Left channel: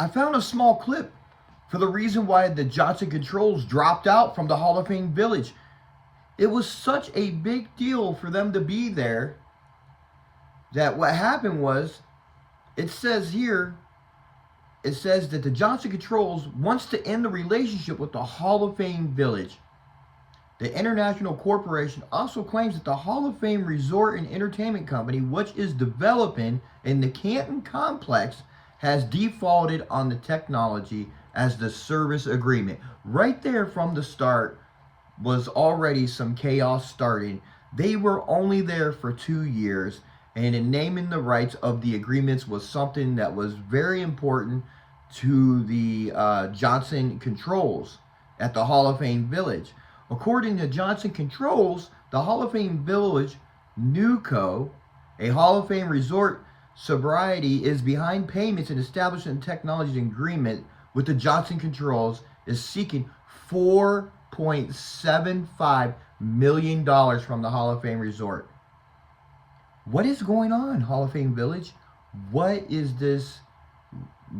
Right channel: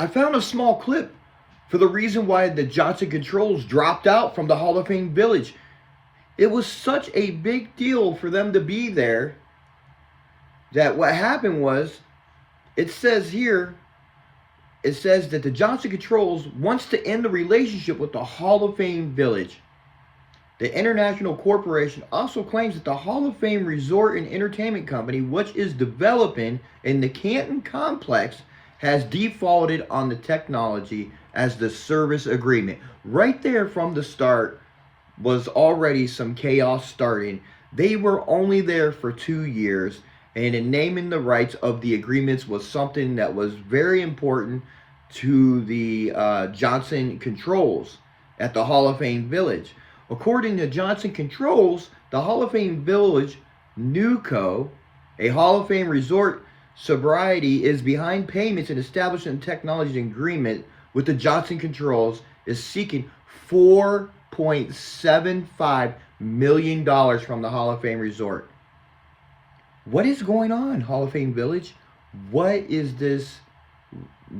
I found a small clip for the reason why the Johnson Controls dropped out from the Hall of Fame Village. It was such a big deal for them to be there that what happened was, it says here, it says that the Johnson Controls wants to end the relationship with the Hall of Fame Village. The international corporation also claims that the Hall of Fame Resort and Entertainment Company, which is developing in the Canton complex, has defaulted on the technology as the service agreement. Right there from the start was already some chaos starting. They were only there for 2 years, and in naming the rights of the agreements was something that was very important to the Johnson Controls at the Hall of Fame Village. According to Johnson Controls, the Hall of Fame Village NewCo, a Hall of Fame resort sobriety, is behind payments and establishing technology agreement with the Johnson Controls, is seeking $4.75 million from the Hall of Fame resort. What is going on, Hall of Fame Village? What is this?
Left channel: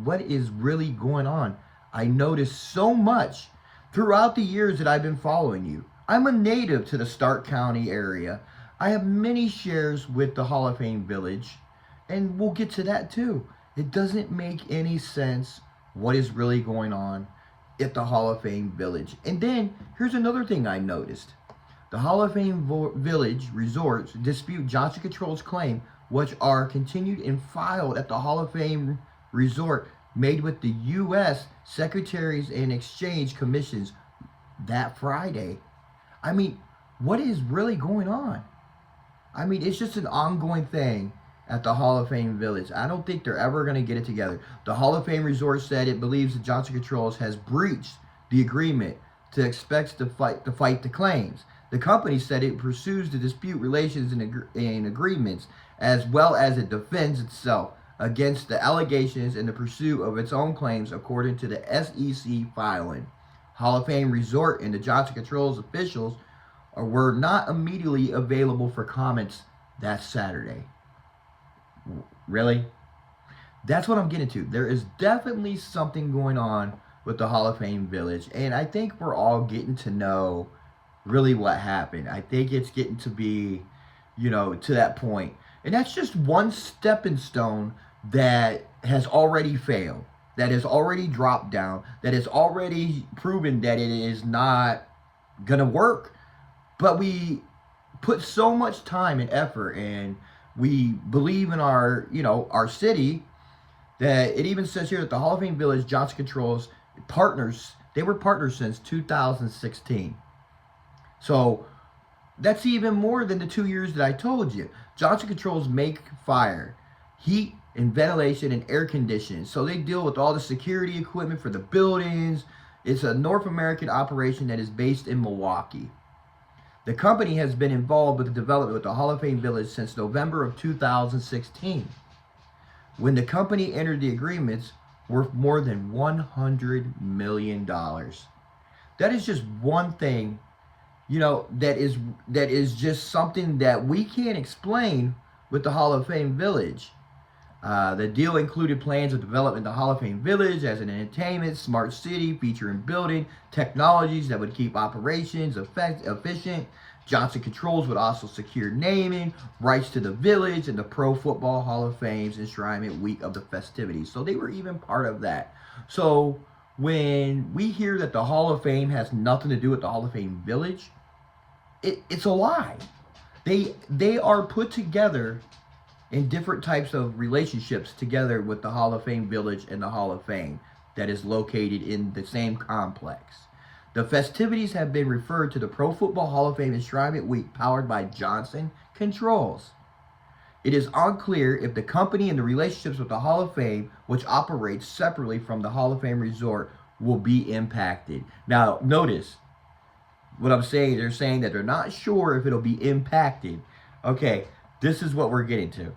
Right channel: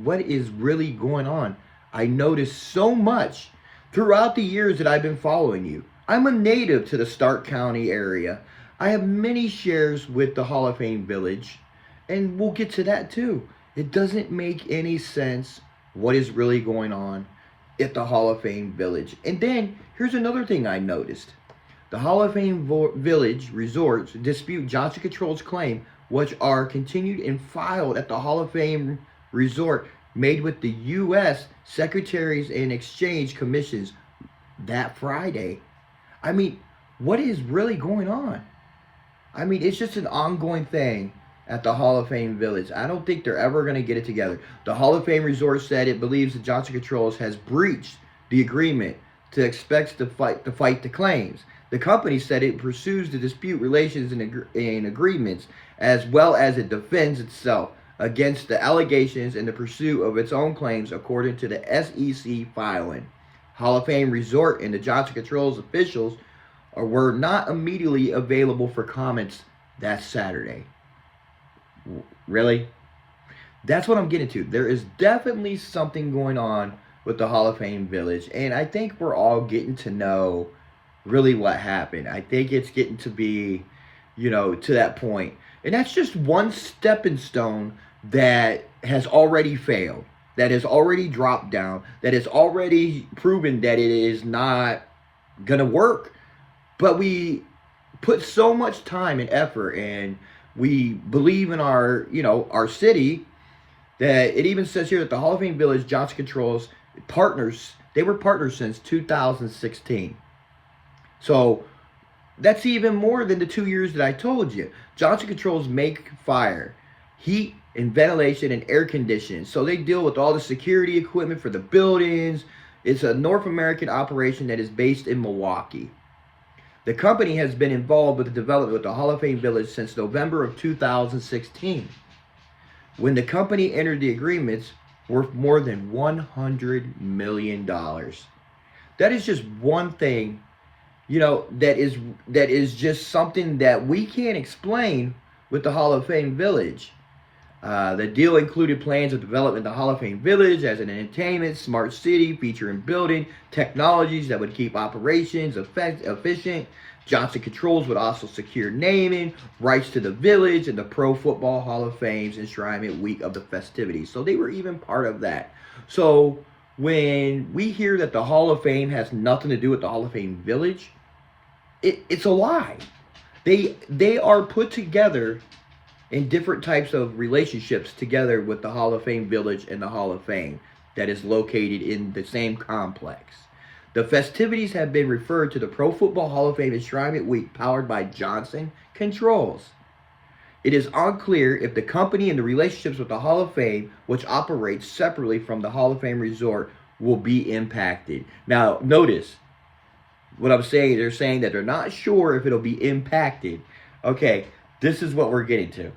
What is really going on? I noticed so much throughout the years that I've been following you. I'm a native to the Stark County area. I have many shares with the Hall of Fame Village, and we'll get to that too. It doesn't make any sense what is really going on at the Hall of Fame Village. And then here's another thing I noticed. The Hall of Fame Village resorts dispute Johnson Controls' claim, which are continued and filed at the Hall of Fame resort made with the U.S. Secretaries and Exchange Commissions that Friday. I mean, what is really going on? I mean, it's just an ongoing thing at the Hall of Fame Village. I don't think they're ever going to get it together. The Hall of Fame resort said it believes that Johnson Controls has breached the agreement to expect to fight the claims. The company said it pursues the dispute relations and agreements, as well as it defends itself against the allegations in the pursuit of its own claims, according to the SEC filing. Hall of Fame Resort and the Johnson Controls officials were not immediately available for comments that Saturday. Really? That's what I'm getting to. There is definitely something going on with the Hall of Fame Village, and I think we're all getting to know really what happened. I think it's getting to be, to that point. And that's just one stepping stone that has already failed, that has already dropped down, that has already proven that it is not going to work. But we put so much time and effort, and we believe in our city, that it even says here that the Hall of Fame Village Johnson Controls partners, they were partners since 2016. So that's even more than the 2 years that I told you. Johnson Controls make fire, heat and ventilation and air conditioning. So they deal with all the security equipment for the buildings. It's a North American operation that is based in Milwaukee. The company has been involved with the development of the Hall of Fame Village since November of 2016, when the company entered the agreements worth more than $100 million. That is just one thing, that is just something that we can't explain with the Hall of Fame Village. The deal included plans of developing the Hall of Fame Village as an entertainment smart city featuring building technologies that would keep operations efficient. Johnson Controls would also secure naming rights to the village and the Pro Football Hall of Fame's enshrinement week of the festivities. So they were even part of that. So when we hear that the Hall of Fame has nothing to do with the Hall of Fame Village, it's a lie. They are put together in different types of relationships together with the Hall of Fame Village and the Hall of Fame that is located in the same complex. The festivities have been referred to the Pro Football Hall of Fame Enshrinement Week powered by Johnson Controls. It is unclear if the company and the relationships with the Hall of Fame, which operates separately from the Hall of Fame Resort, will be impacted. Now, notice what I'm saying. They're saying that they're not sure if it'll be impacted. Okay, this is what we're getting to.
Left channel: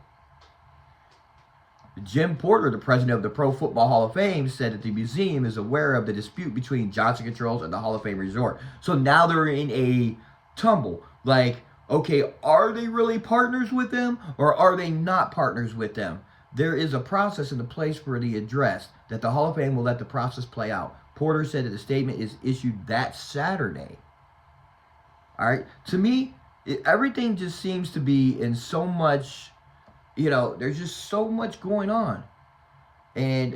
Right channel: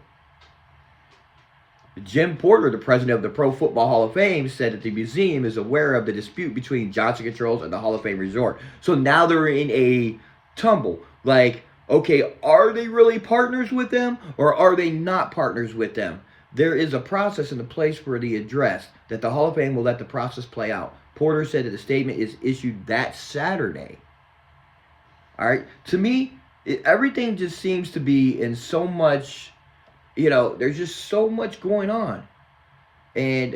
Jim Porter, the president of the Pro Football Hall of Fame, said that the museum is aware of the dispute between Johnson Controls and the Hall of Fame Resort. So now they're in a tumble. Like, okay, are they really partners with them or are they not partners with them? there is a process in the place for the address that the Hall of Fame will let the process play out. Porter said that the statement is issued that Saturday. All right. To me, everything just seems to be in so much, there's just so much going on. And,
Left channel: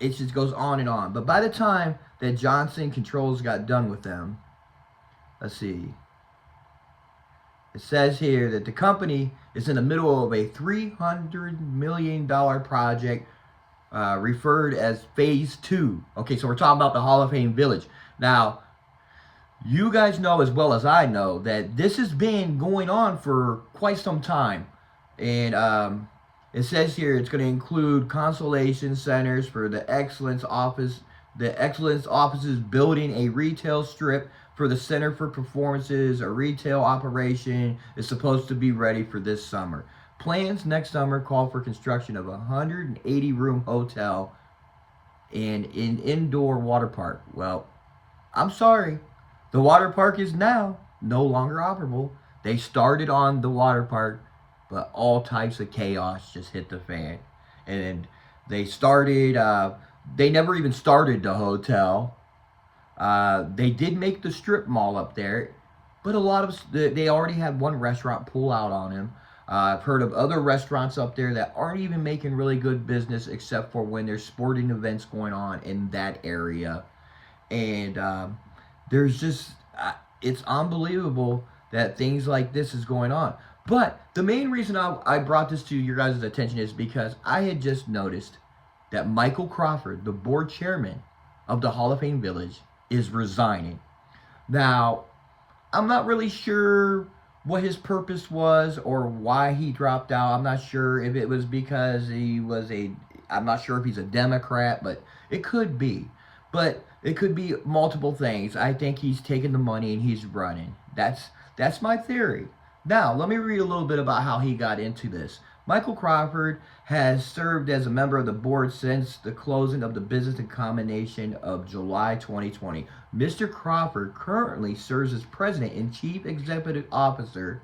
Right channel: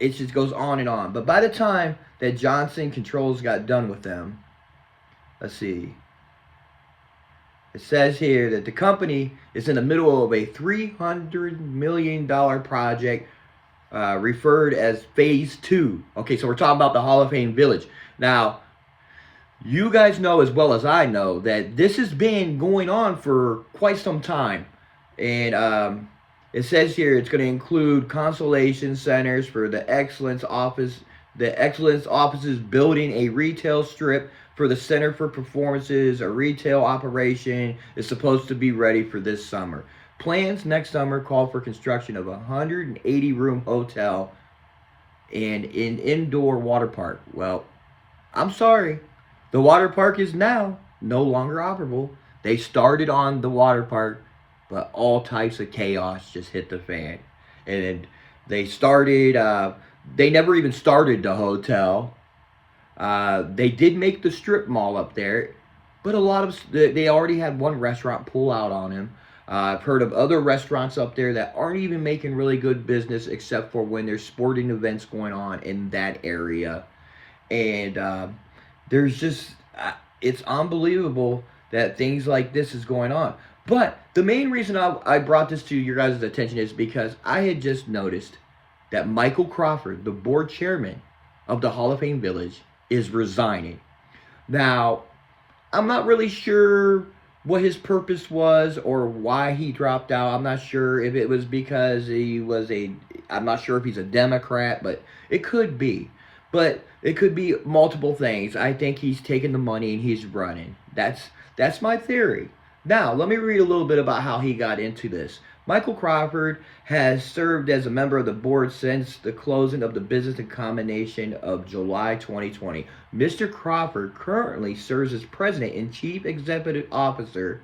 it just goes on and on. But by the time that Johnson Controls got done with them, let's see. It says here that the company is in the middle of a $300 million project referred as Phase 2. Okay, so we're talking about the Hall of Fame Village. Now, you guys know as well as I know that this has been going on for quite some time. And it says here it's going to include consolation centers for the Excellence Office. The Excellence Office is building a retail strip for the Center for Performances. A retail operation is supposed to be ready for this summer. Plans next summer call for construction of a 180-room hotel and an indoor water park. Well, I'm sorry. The water park is now no longer operable. They started on the water park, but all types of chaos just hit the fan. And they started, they never even started the hotel. They did make the strip mall up there, but they already had one restaurant pull out on him. I've heard of other restaurants up there that aren't even making really good business except for when there's sporting events going on in that area. And there's just, it's unbelievable that things like this is going on. But the main reason I brought this to your guys' attention is because I had just noticed that Michael Crawford, the board chairman of the Hall of Fame Village, is resigning. Now, I'm not really sure what his purpose was or why he dropped out. I'm not sure if it was because I'm not sure if he's a Democrat, but it could be. But it could be multiple things. I think he's taking the money and he's running. That's my theory. Now, let me read a little bit about how he got into this. Michael Crawford has served as a member of the board since the closing of the business combination of July 2020. Mr. Crawford currently serves as president and chief executive officer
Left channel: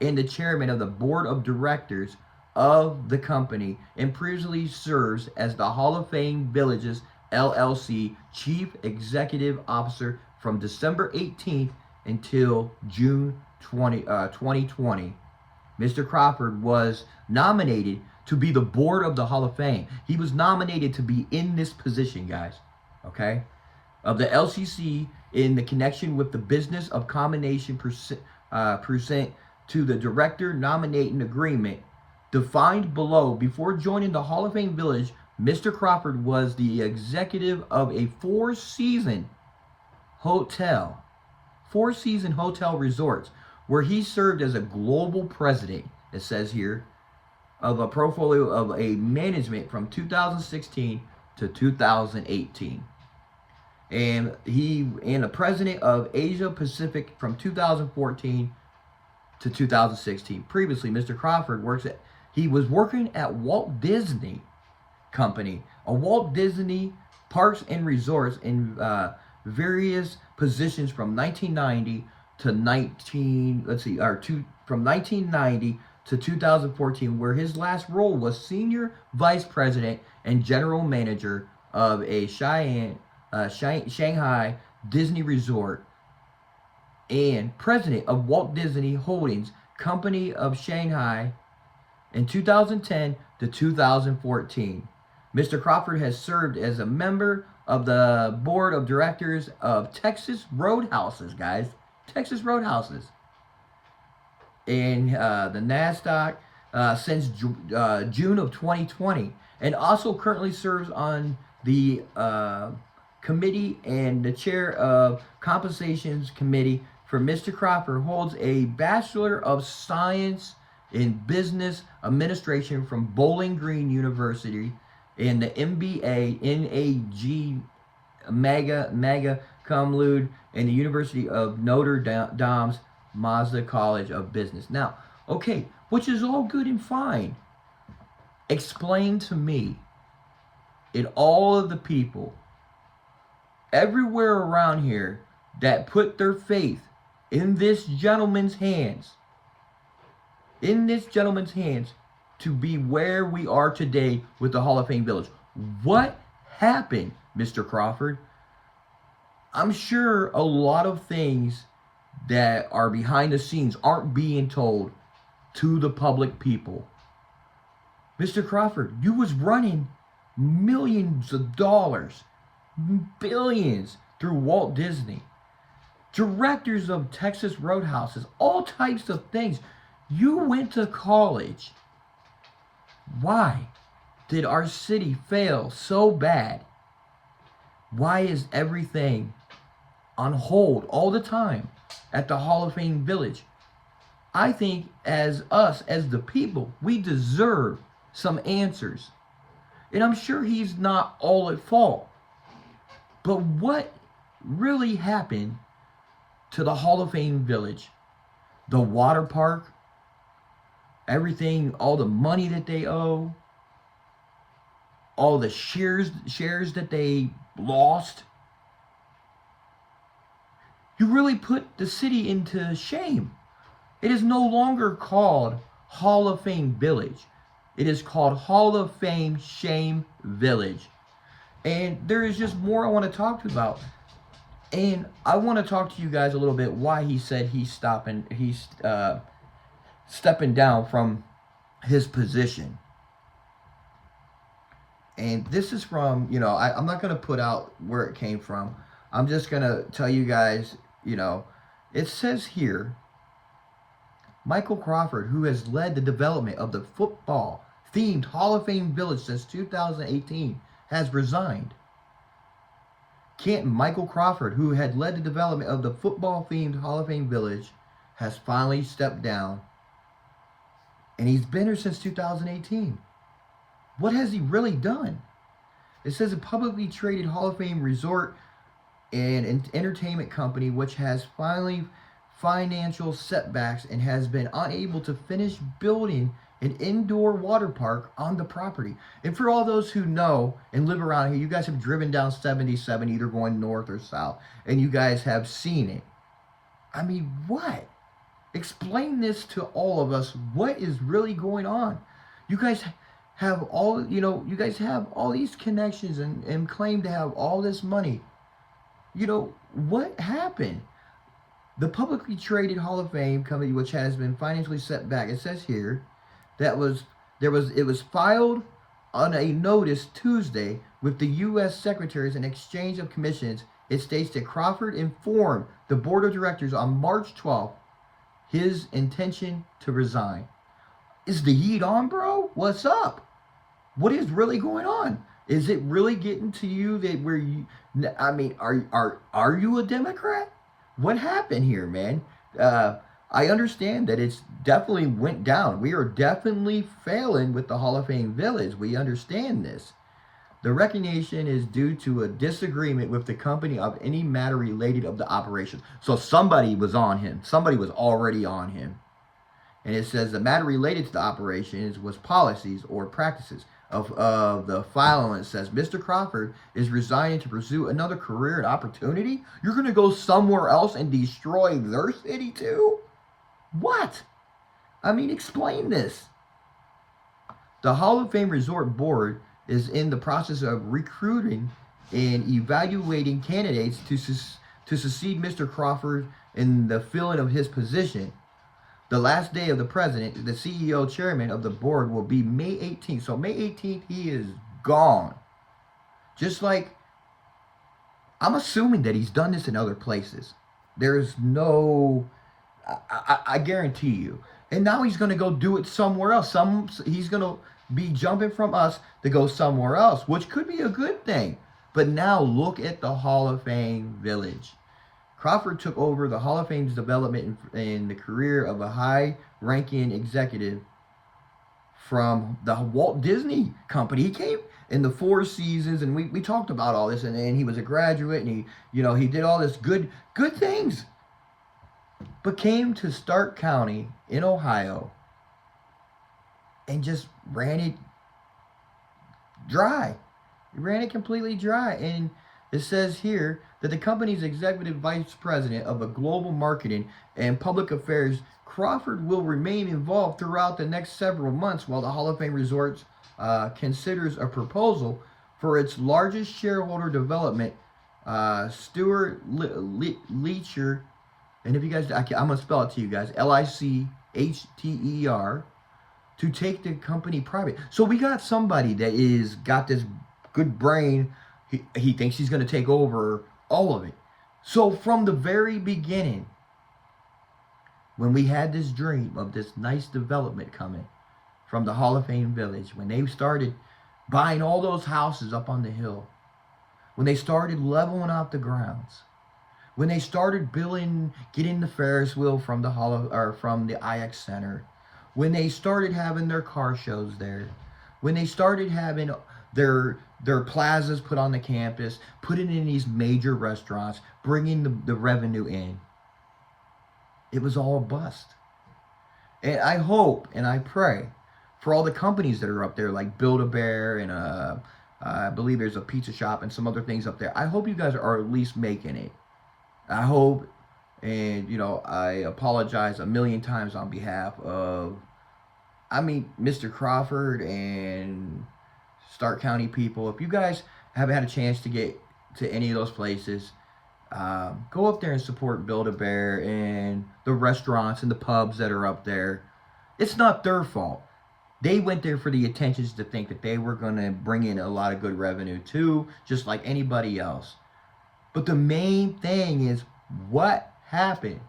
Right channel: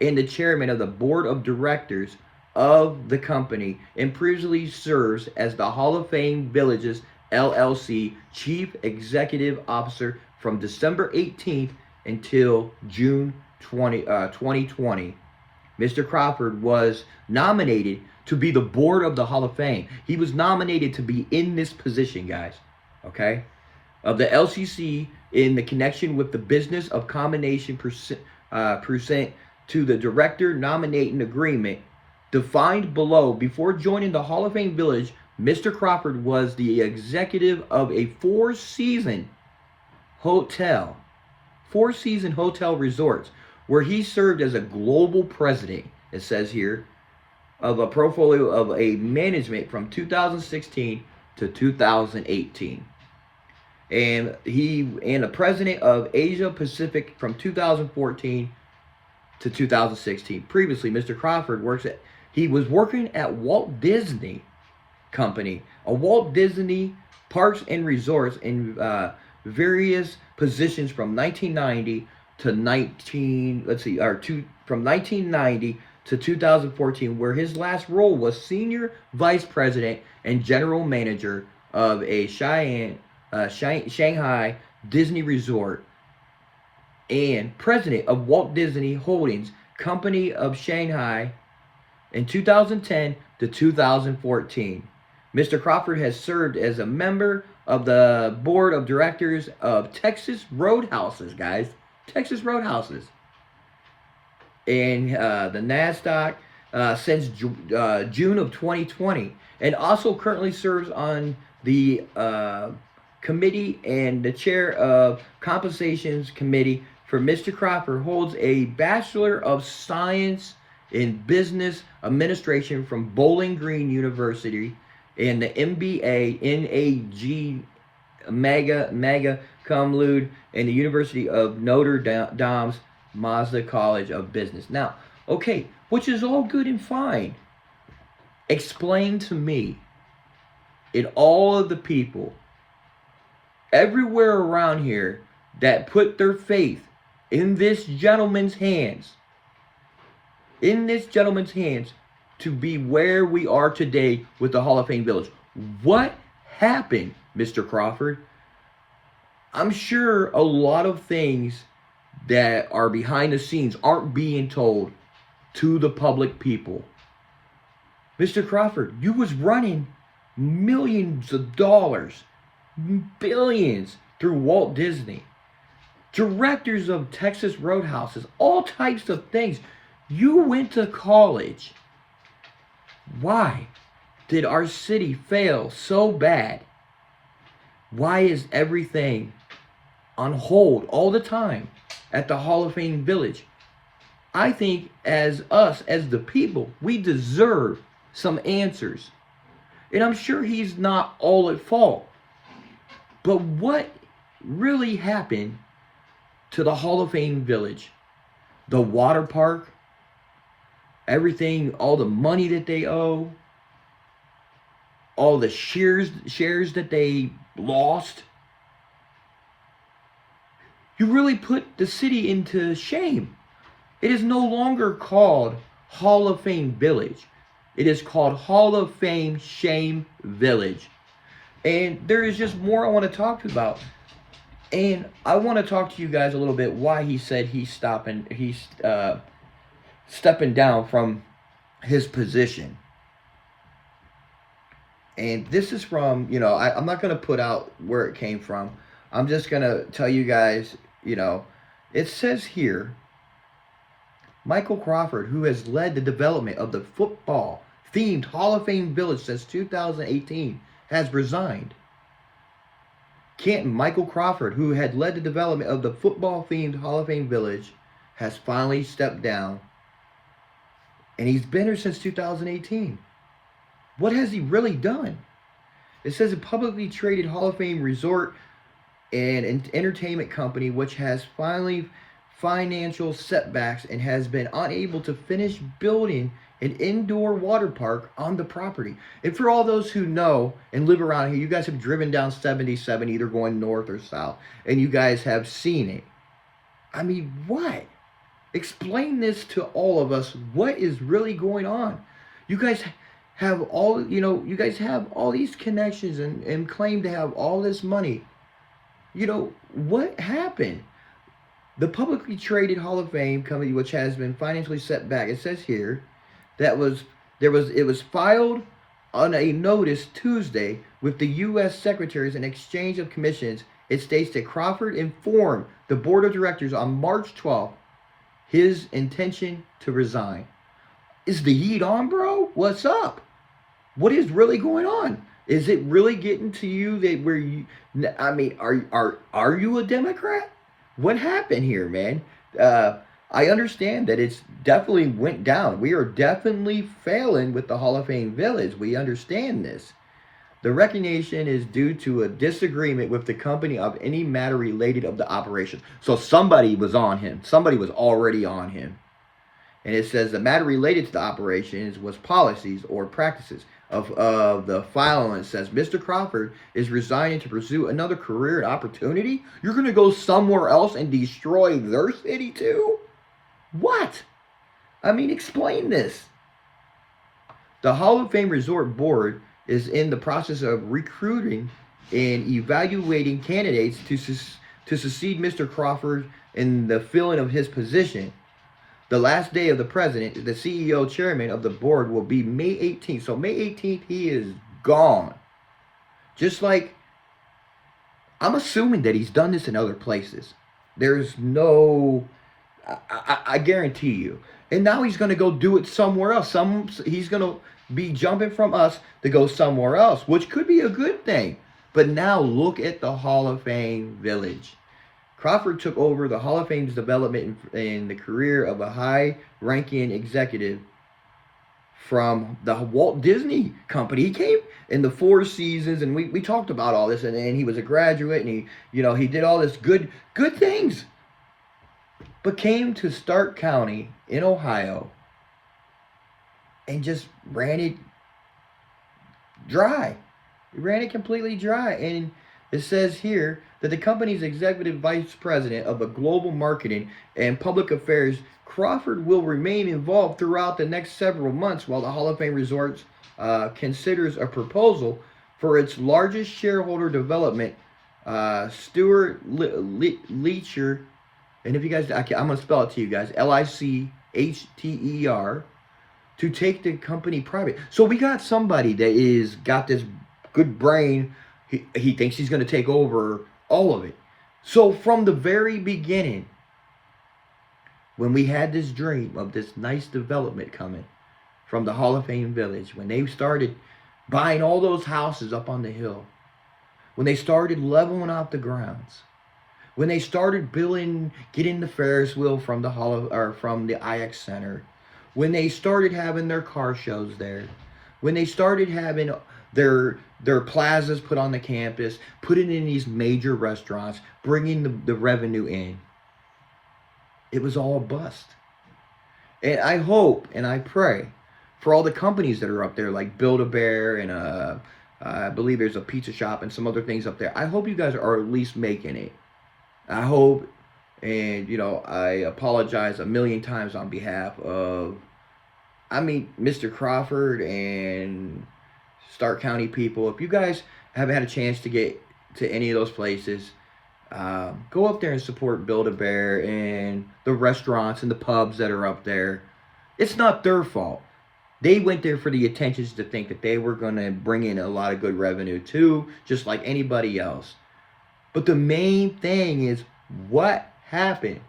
and the chairman of the board of directors of the company, and previously serves as the Hall of Fame Villages LLC chief executive officer from December 18th until June 2020. Mr. Crawford was nominated to be the board of the Hall of Fame. He was nominated to be in this position, guys, okay, of the LCC in the connection with the business of combination pursuant to the director nominating agreement defined below. Before joining the Hall of Fame Village, Mr. Crawford was the executive of a four-season hotel resorts, where he served as a global president, it says here, of a portfolio of a management from 2016 to 2018. And the president of Asia Pacific from 2014 to 2016. Previously, Mr. Crawford was working at Walt Disney Company, a Walt Disney Parks and Resorts in various positions from 1990 to 2014, where his last role was senior vice president and general manager of a Shanghai Disney Resort and president of Walt Disney Holdings Company of Shanghai in 2010 to 2014. Mr. Crawford has served as a member of the board of directors of Texas Roadhouses, guys. Texas Roadhouses. And the NASDAQ since June of 2020. And also currently serves on the committee and the chair of Compensations Committee for Mr. Crawford. Holds a Bachelor of Science in Business Administration from Bowling Green University and the MBA NAG Magna Cum Laude and the University of Notre Dame's Mazda College of Business. Now, okay, which is all good and fine. Explain to me, in all of the people everywhere around here that put their faith in this gentleman's hands, to be where we are today with the Hall of Fame Village. What happened, Mr. Crawford? I'm sure a lot of things that are behind the scenes aren't being told to the public people. Mr. Crawford, you was running millions of dollars, billions through Walt Disney. Directors of Texas Roadhouses, all types of things. You went to college. Why did our city fail so bad? Why is everything on hold all the time at the Hall of Fame Village? I think as us, as the people, we deserve some answers. And I'm sure he's not all at fault. But what really happened to the Hall of Fame Village? The water park, everything, all the money that they owe, all the shares that they lost. You really put the city into shame. It is no longer called Hall of Fame Village. It is called Hall of Fame Shame Village. And there is just more I want to talk about. And I want to talk to you guys a little bit why he said he's stepping down from his position. And this is from, I'm not going to put out where it came from. I'm just going to tell you guys, it says here, Michael Crawford, who has led the development of the football-themed Hall of Fame Village since 2018, has resigned. Michael Crawford, who had led the development of the football-themed Hall of Fame Village, has finally stepped down. And he's been here since 2018. What has he really done? It says a publicly traded Hall of Fame resort and entertainment company which has financial setbacks and has been unable to finish building an indoor water park on the property. And for all those who know and live around here, you guys have driven down 77 either going north or south, and you guys have seen it. I mean, what? Explain this to all of us. What is really going on? You guys have all, you guys have all these connections and claim to have all this money. What happened? The publicly traded Hall of Fame company, which has been financially set back, it says here that it was filed on a notice Tuesday with the U.S. Secretaries and Exchange of Commissions. It states that Crawford informed the board of directors on March 12th his intention to resign. Is the heat on, bro? What's up? What is really going on? Is it really getting to you are you a Democrat? What happened here, man? I understand that it's definitely went down. We are definitely failing with the Hall of Fame Village. We understand this. The resignation is due to a disagreement with the company of any matter related of the operation. So somebody was on him. Somebody was already on him. And it says the matter related to the operations was policies or practices of the file. And it says Mr. Crawford is resigning to pursue another career and opportunity. You're going to go somewhere else and destroy their city too? What? Explain this. The Hall of Fame Resort Board is in the process of recruiting and evaluating candidates to succeed Mr. Crawford in the filling of his position. The last day of the president, the CEO chairman of the board, will be May 18th. So May 18th, he is gone. Just like, I'm assuming that he's done this in other places. There's no, I guarantee you. And now he's going to go do it somewhere else. He's going to be jumping from us to go somewhere else, which could be a good thing. But now look at the Hall of Fame Village. Crawford took over the Hall of Fame's development in the career of a high-ranking executive from the Walt Disney Company. He came in the Four Seasons, and we talked about all this, and then he was a graduate, and he did all this good things. But came to Stark County in Ohio and just ran it dry. He ran it completely dry. And It says here that the company's executive vice president of the global marketing and public affairs, Crawford, will remain involved throughout the next several months while the Hall of Fame Resorts considers a proposal for its largest shareholder development, Stuart Leacher. And if you guys, I'm going to spell it to you guys, Lichter, to take the company private. So we got somebody that is got this good brain. He thinks he's going to take over all of it. So from the very beginning, when we had this dream of this nice development coming from the Hall of Fame Village, when they started buying all those houses up on the hill, when they started leveling out the grounds, when they started getting the Ferris wheel from the from the IX Center, when they started having their car shows there, when they started having their plazas put on the campus, putting in these major restaurants, bringing the revenue in, it was all a bust. And I hope and I pray for all the companies that are up there, like Build-A-Bear and I believe there's a pizza shop and some other things up there. I hope you guys are at least making it. I hope, and I apologize a million times on behalf of, Mr. Crawford and Stark County people. If you guys haven't had a chance to get to any of those places, go up there and support Build-A-Bear and the restaurants and the pubs that are up there. It's not their fault. They went there for the intentions to think that they were going to bring in a lot of good revenue too, just like anybody else. But the main thing is, what happened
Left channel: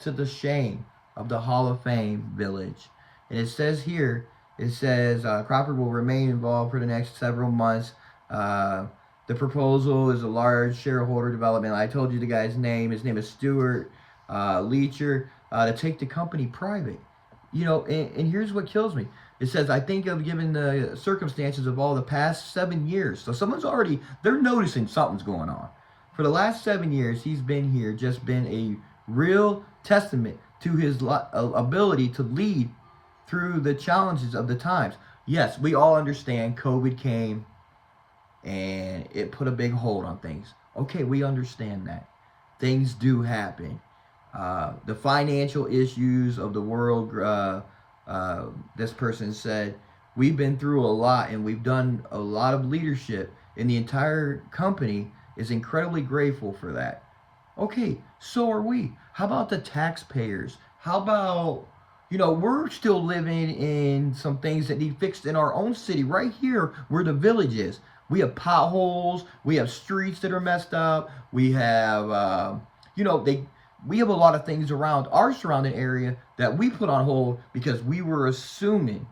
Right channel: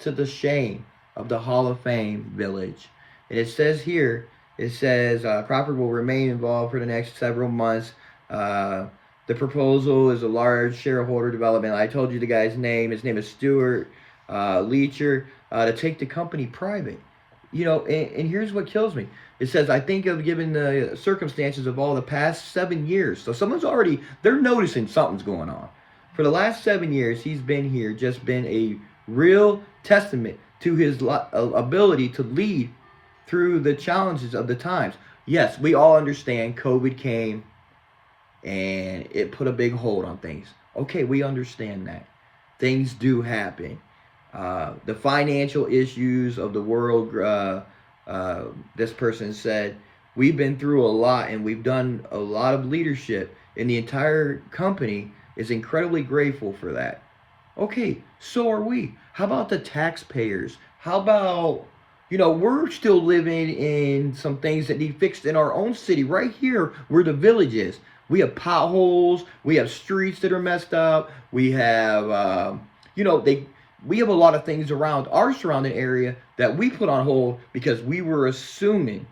to the shame of the Hall of Fame Village? And it says here, Crawford will remain involved for the next several months. The proposal is a large shareholder development. I told you the guy's name. His name is Stuart Leacher, to take the company private. And here's what kills me. It says, I think of given the circumstances of all the past 7 years. So they're noticing something's going on. For the last 7 years, he's been here, just been a real testament to his ability to lead through the challenges of the times. Yes, we all understand COVID came and it put a big hold on things. Okay, we understand that. Things do happen. The financial issues of the world, this person said, we've been through a lot and we've done a lot of leadership, and the entire company is incredibly grateful for that. Okay, so are we. How about the taxpayers? How about, we're still living in some things that need fixed in our own city, right here where the village is. We have potholes. We have streets that are messed up. We have, we have a lot of things around our surrounding area that we put on hold because we were assuming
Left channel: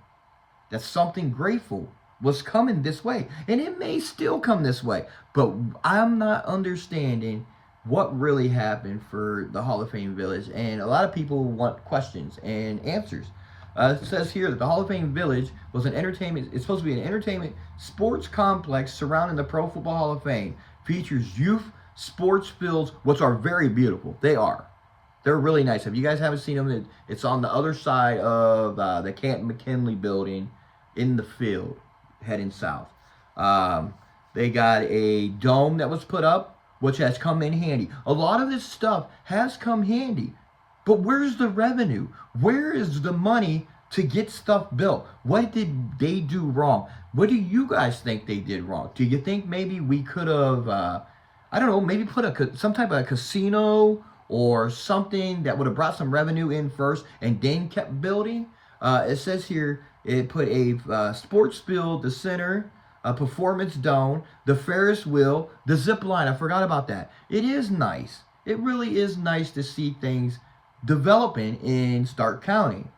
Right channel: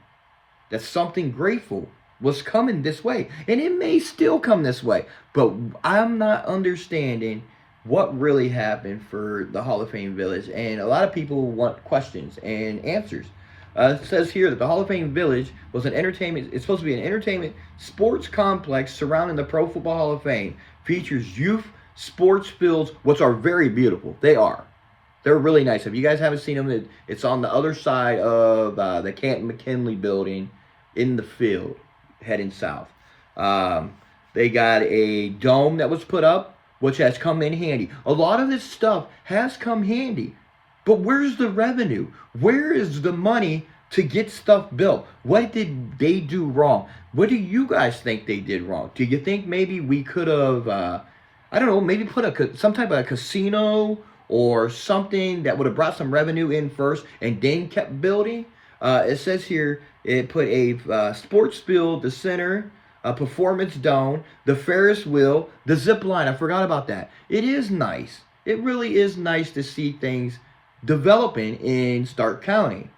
that something grateful was coming this way. And it may still come this way. But I'm not understanding what really happened for the Hall of Fame Village. And a lot of people want questions and answers. It says here that the Hall of Fame Village was it's supposed to be an entertainment sports complex surrounding the Pro Football Hall of Fame. Features youth sports fields, which are very beautiful. They are. They're really nice. If you guys haven't seen them, it's on the other side of the Canton McKinley building in the field, heading south. They got a dome that was put up, which has come in handy. A lot of this stuff has come handy. But where's the revenue? Where is the money to get stuff built? What did they do wrong? What do you guys think they did wrong? Do you think maybe we could have, maybe put some type of casino or something that would have brought some revenue in first and then kept building? It says here, it put a sports field, the center, a performance dome, the Ferris wheel, the zip line. I forgot about that. It is nice. It really is nice to see things developing in Stark County.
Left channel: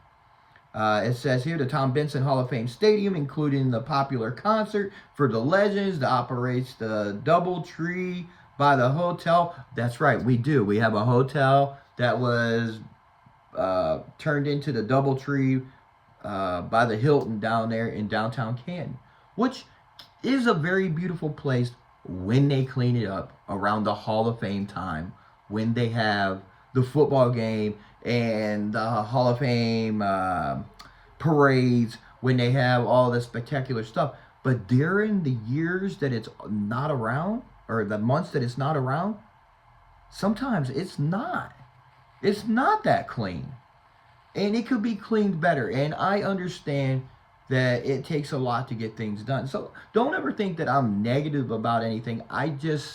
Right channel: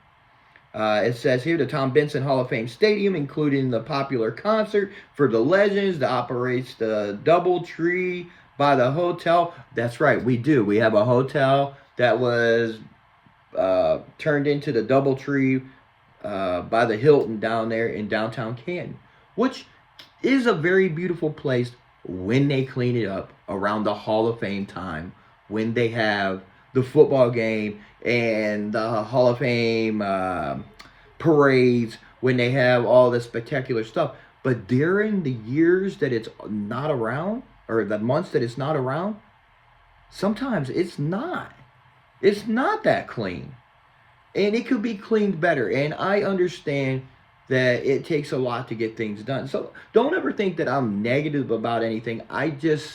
It says here the Tom Benson Hall of Fame Stadium, including the popular concert for the legends that operates the DoubleTree by the hotel. That's right, we do. We have a hotel that was turned into the DoubleTree by the Hilton down there in downtown Canton, which is a very beautiful place when they clean it up around the Hall of Fame time, when they have the football game and the Hall of Fame parades, when they have all this spectacular stuff. But during the years that it's not around, or the months that it's not around, sometimes it's not. It's not that clean. And it could be cleaned better. And I understand that it takes a lot to get things done. So don't ever think that I'm negative about anything. I just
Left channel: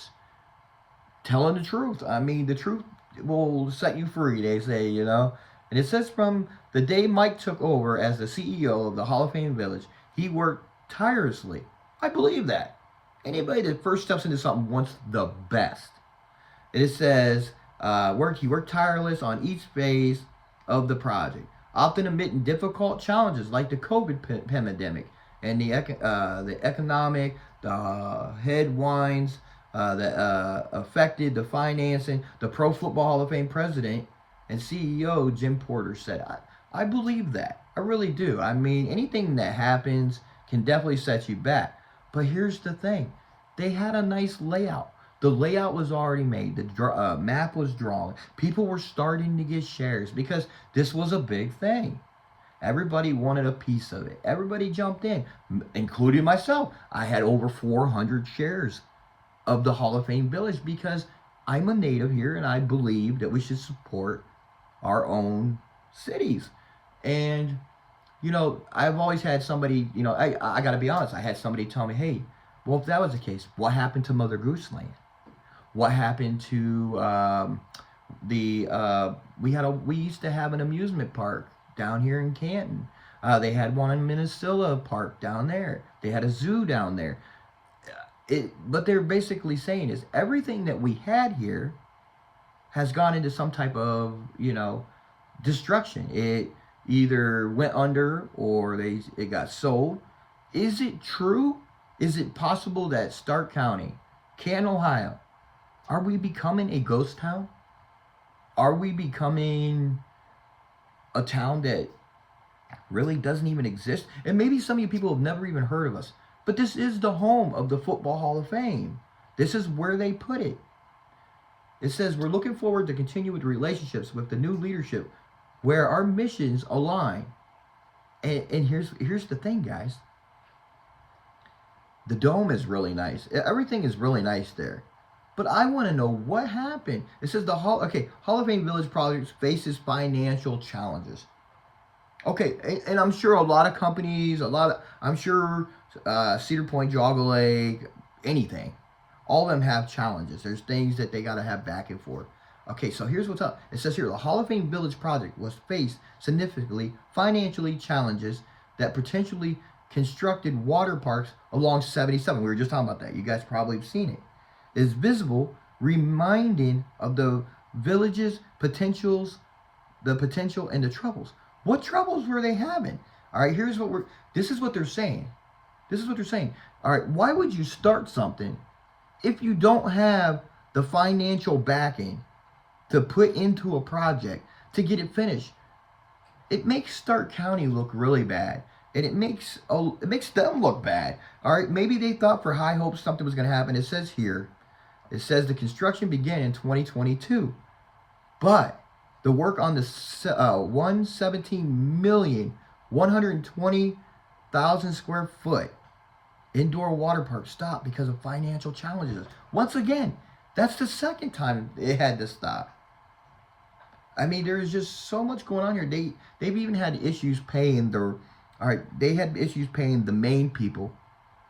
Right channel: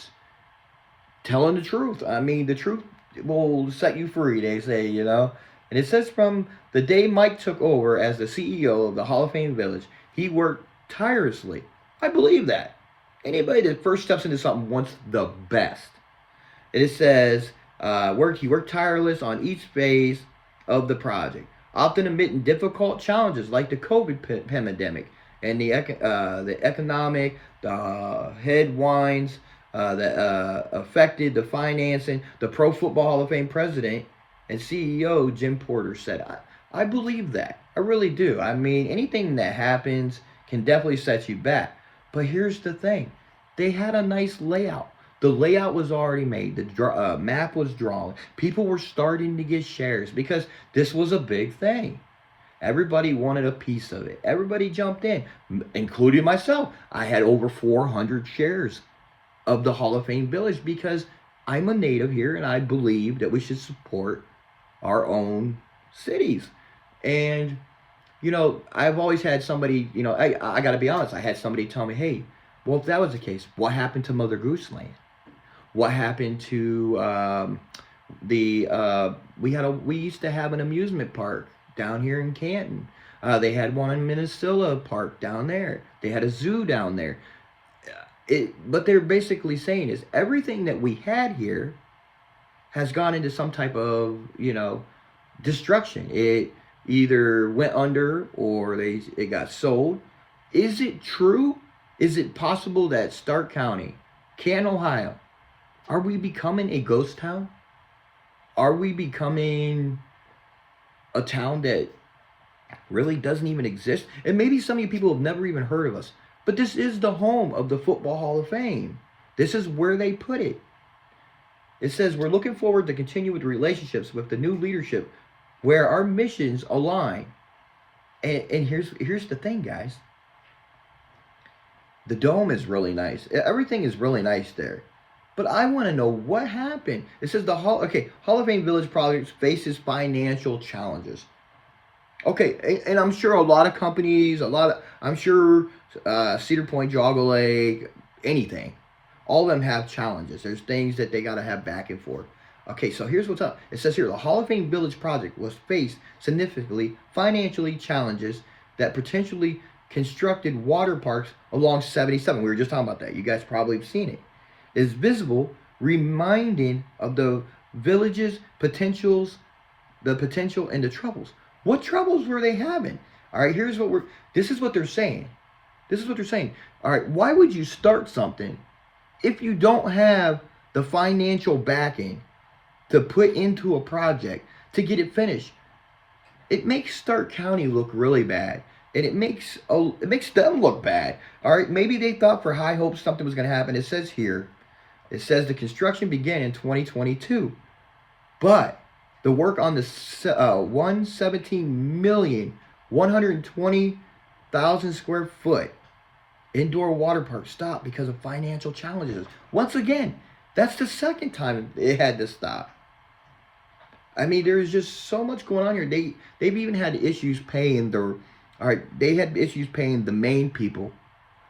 telling the truth. I mean, the truth will set you free, they say, you know. And it says from the day Mike took over as the CEO of the Hall of Fame Village, he worked tirelessly. I believe that. Anybody that first steps into something wants the best. And it says, he worked tireless on each phase of the project, often admitting difficult challenges like the COVID pandemic and the economic, the headwinds that affected the financing. The Pro Football Hall of Fame president and CEO Jim Porter said, I believe that. I really do. I mean, anything that happens can definitely set you back. But here's the thing. They had a nice layout. The layout was already made. The map was drawn. People were starting to get shares because this was a big thing. Everybody wanted a piece of it. Everybody jumped in, including myself. I had over 400 shares of the Hall of Fame Village because I'm a native here and I believe that we should support our own cities. And, you know, I've always had somebody, you know, I got to be honest. I had somebody tell me, hey, well, if that was the case, what happened to Mother Goose Lane? What happened to we used to have an amusement park down here in Canton. They had one in Minnesota Park down there. They had a zoo down there. What they're basically saying is everything that we had here has gone into some type of, you know, destruction. It either went under or it got sold. Is it true? Is it possible that Stark County, Canton, Ohio, are we becoming a ghost town? Are we becoming a town that really doesn't even exist? And maybe some of you people have never even heard of us. But this is the home of the Football Hall of Fame. This is where they put it. It says, we're looking forward to continue with relationships with the new leadership where our missions align. And here's the thing, guys. The dome is really nice. Everything is really nice there. But I want to know what happened. It says the Hall of Fame Village project faces financial challenges. Okay, and I'm sure a lot of companies, I'm sure Cedar Point, Jogga Lake, anything, all of them have challenges. There's things that they got to have back and forth. Okay, so here's what's up. It says here, the Hall of Fame Village project was faced significantly financially challenges that potentially constructed water parks along 77. We were just talking about that. You guys probably have seen it. Is visible, reminding of the village's potential and the troubles. What troubles were they having? All right, this is what they're saying. This is what they're saying. All right, why would you start something if you don't have the financial backing to put into a project to get it finished? It makes Stark County look really bad. And it makes them look bad. All right, maybe they thought for high hopes something was going to happen. It says here, it says the construction began in 2022. But the work on the 117,120,000 square foot indoor water park stopped because of financial challenges. Once again, that's the second time it had to stop. I mean, there's just so much going on here. They've even had issues paying they had issues paying the main people,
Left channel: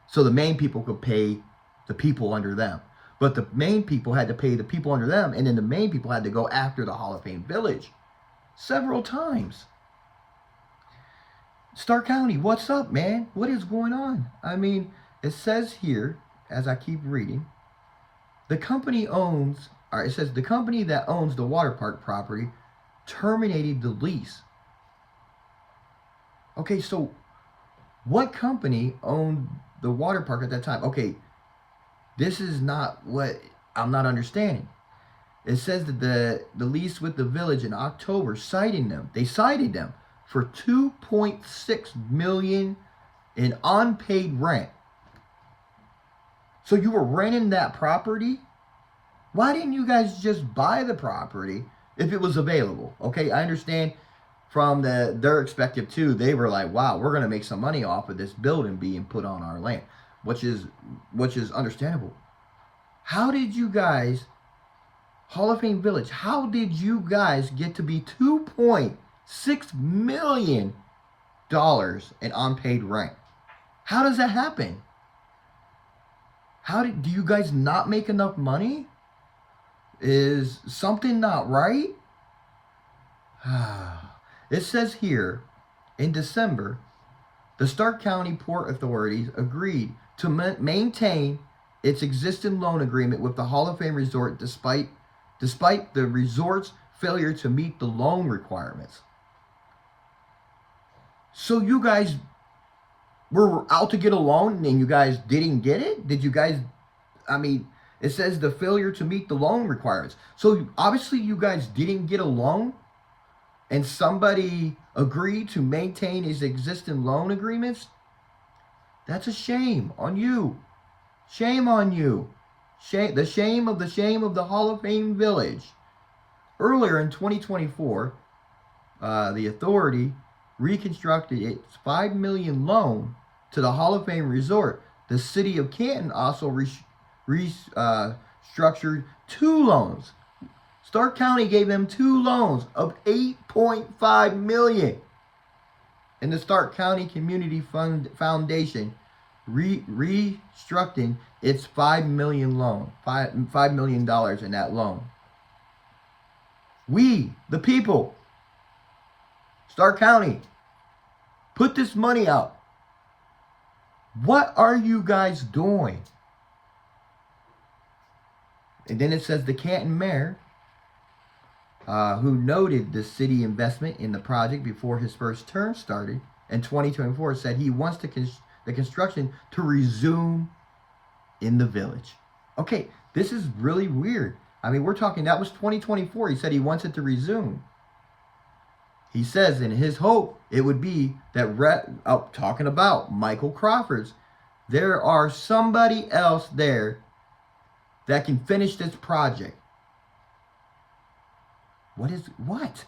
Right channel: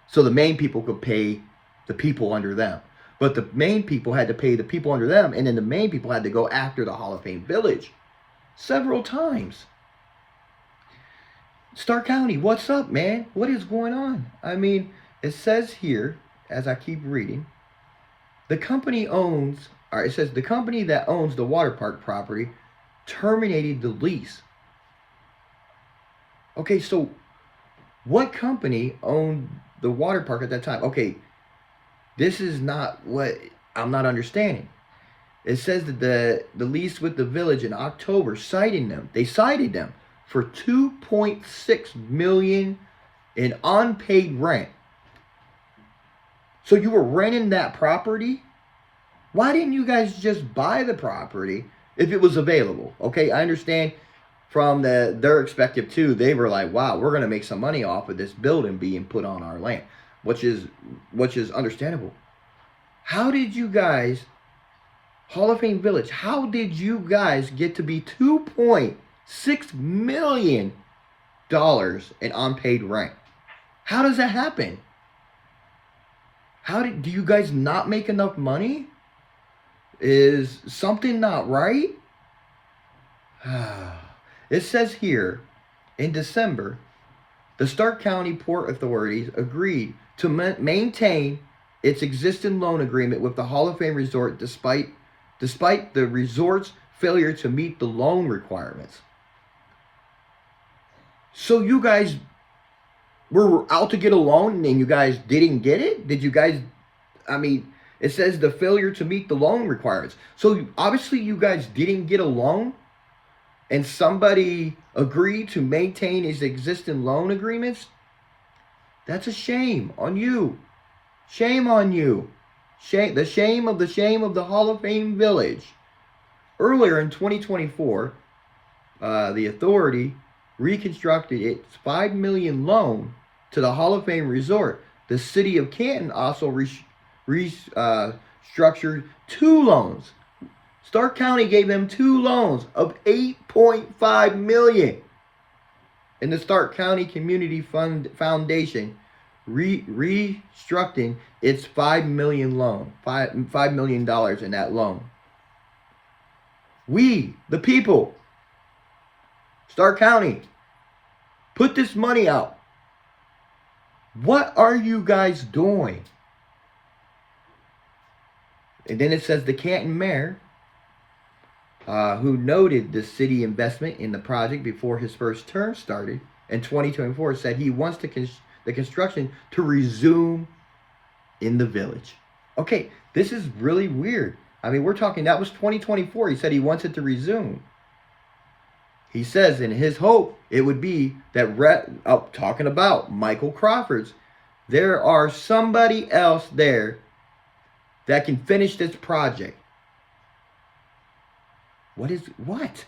so the main people could pay the people under them. But the main people had to pay the people under them, and then the main people had to go after the Hall of Fame Village several times. Stark County, what's up, man? What is going on? I mean, it says here, as I keep reading, it says the company that owns the water park property terminated the lease. Okay, so what company owned the water park at that time? Okay, this is not what I'm not understanding. It says that the lease with the village in October cited them for $2.6 million in unpaid rent. So you were renting that property? Why didn't you guys just buy the property if it was available? Okay, I understand from their perspective too. They were like, wow, we're going to make some money off of this building being put on our land, which is understandable. How did you guys, Hall of Fame Village, how did you guys get to be $2.6 million in unpaid rent? How does that happen? Do you guys not make enough money? Is something not right? It says here, in December, the Stark County Port authorities agreed to maintain its existing loan agreement with the Hall of Fame Resort despite the resort's failure to meet the loan requirements. So you guys were out to get a loan and you guys didn't get it? Did you guys, it says the failure to meet the loan requirements. So obviously you guys didn't get a loan and somebody agreed to maintain his existing loan agreements? That's a shame on you. Shame on you. The shame of the Hall of Fame Village. Earlier in 2024, the authority reconstructed its $5 million loan to the Hall of Fame Resort. The city of Canton also restructured 2 loans. Stark County gave them 2 loans of $8.5 million. And the Stark County Community Foundation restructuring its $5 million loan, $5 million in that loan. We, the people, Stark County, put this money out. What are you guys doing? And then it says the Canton mayor, who noted the city investment in the project before his first term started in 2024, said he wants the construction to resume in the village. Okay, this is really weird. We're talking, that was 2024. He said he wants it to resume. He says in his hope, it would be that, talking about Michael Crawford's, there are somebody else there that can finish this project. What?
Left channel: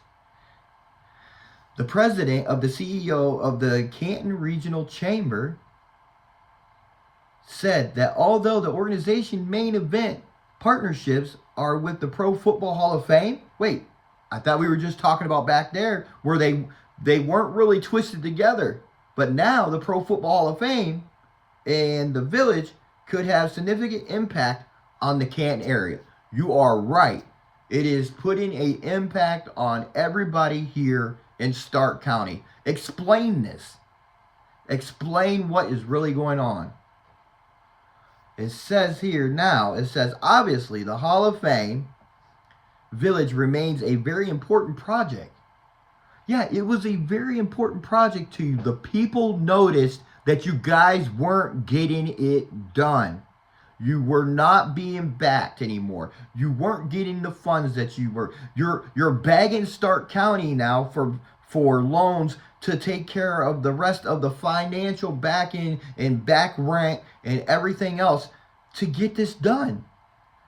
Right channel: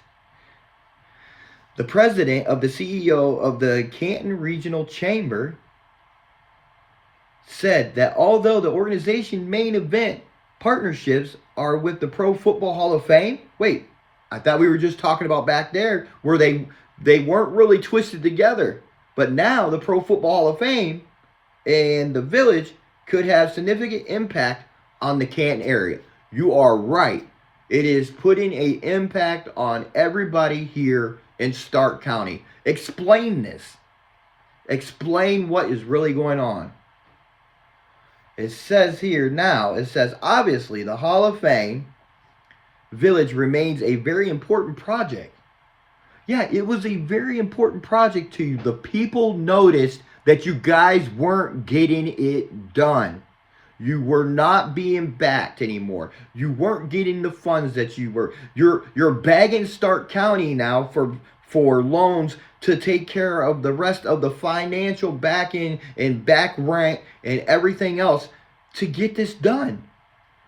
The president of the CEO of the Canton Regional Chamber said that although the organization's main event partnerships are with the Pro Football Hall of Fame, wait, I thought we were just talking about back there where they weren't really twisted together. But now the Pro Football Hall of Fame and the village could have significant impact on the Canton area. You are right. It is putting an impact on everybody here in Stark County. Explain this. Explain what is really going on. It says here now, obviously the Hall of Fame Village remains a very important project. Yeah, it was a very important project to you. The people noticed that you guys weren't getting it done. You were not being backed anymore. You weren't getting the funds that you were. You're begging Stark County now for loans to take care of the rest of the financial backing and back rent and everything else to get this done.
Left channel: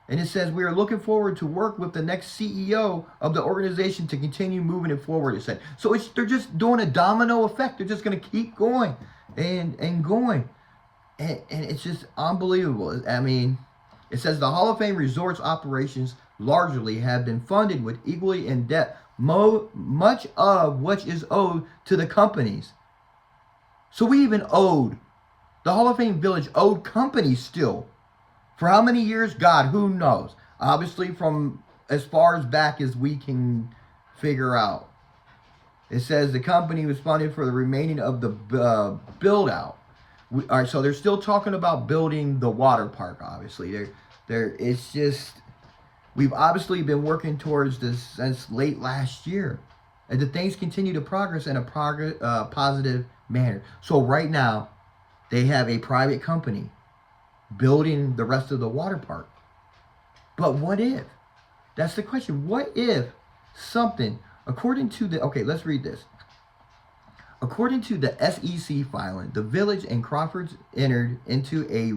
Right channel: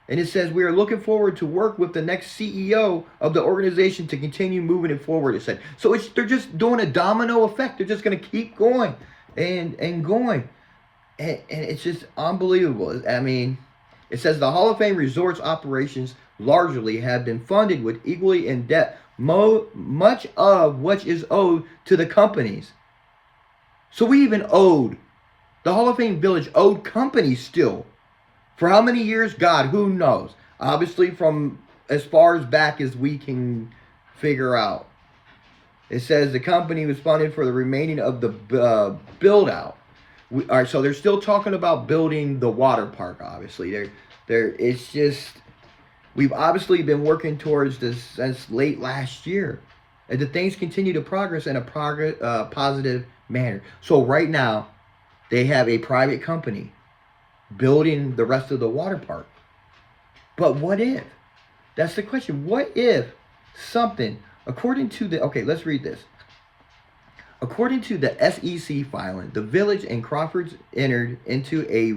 And it says, we are looking forward to work with the next CEO of the organization to continue moving it forward, it said. So they're just doing a domino effect. They're just going to keep going and going. And it's just unbelievable. It says the Hall of Fame Resorts operations largely have been funded with equally in debt, much of which is owed to the companies. So we even owed, the Hall of Fame Village owed companies still. For how many years? God, who knows? Obviously from as far as back as we can figure out. It says the company was funded for the remaining of the build out. All right, so they're still talking about building the water park, obviously. It's just, we've obviously been working towards this since late last year. And the things continue to progress in a positive manner. So right now, they have a private company building the rest of the water park. But what if? That's the question. What if something, according to let's read this. According to the SEC filing, the village and Crawford's entered into a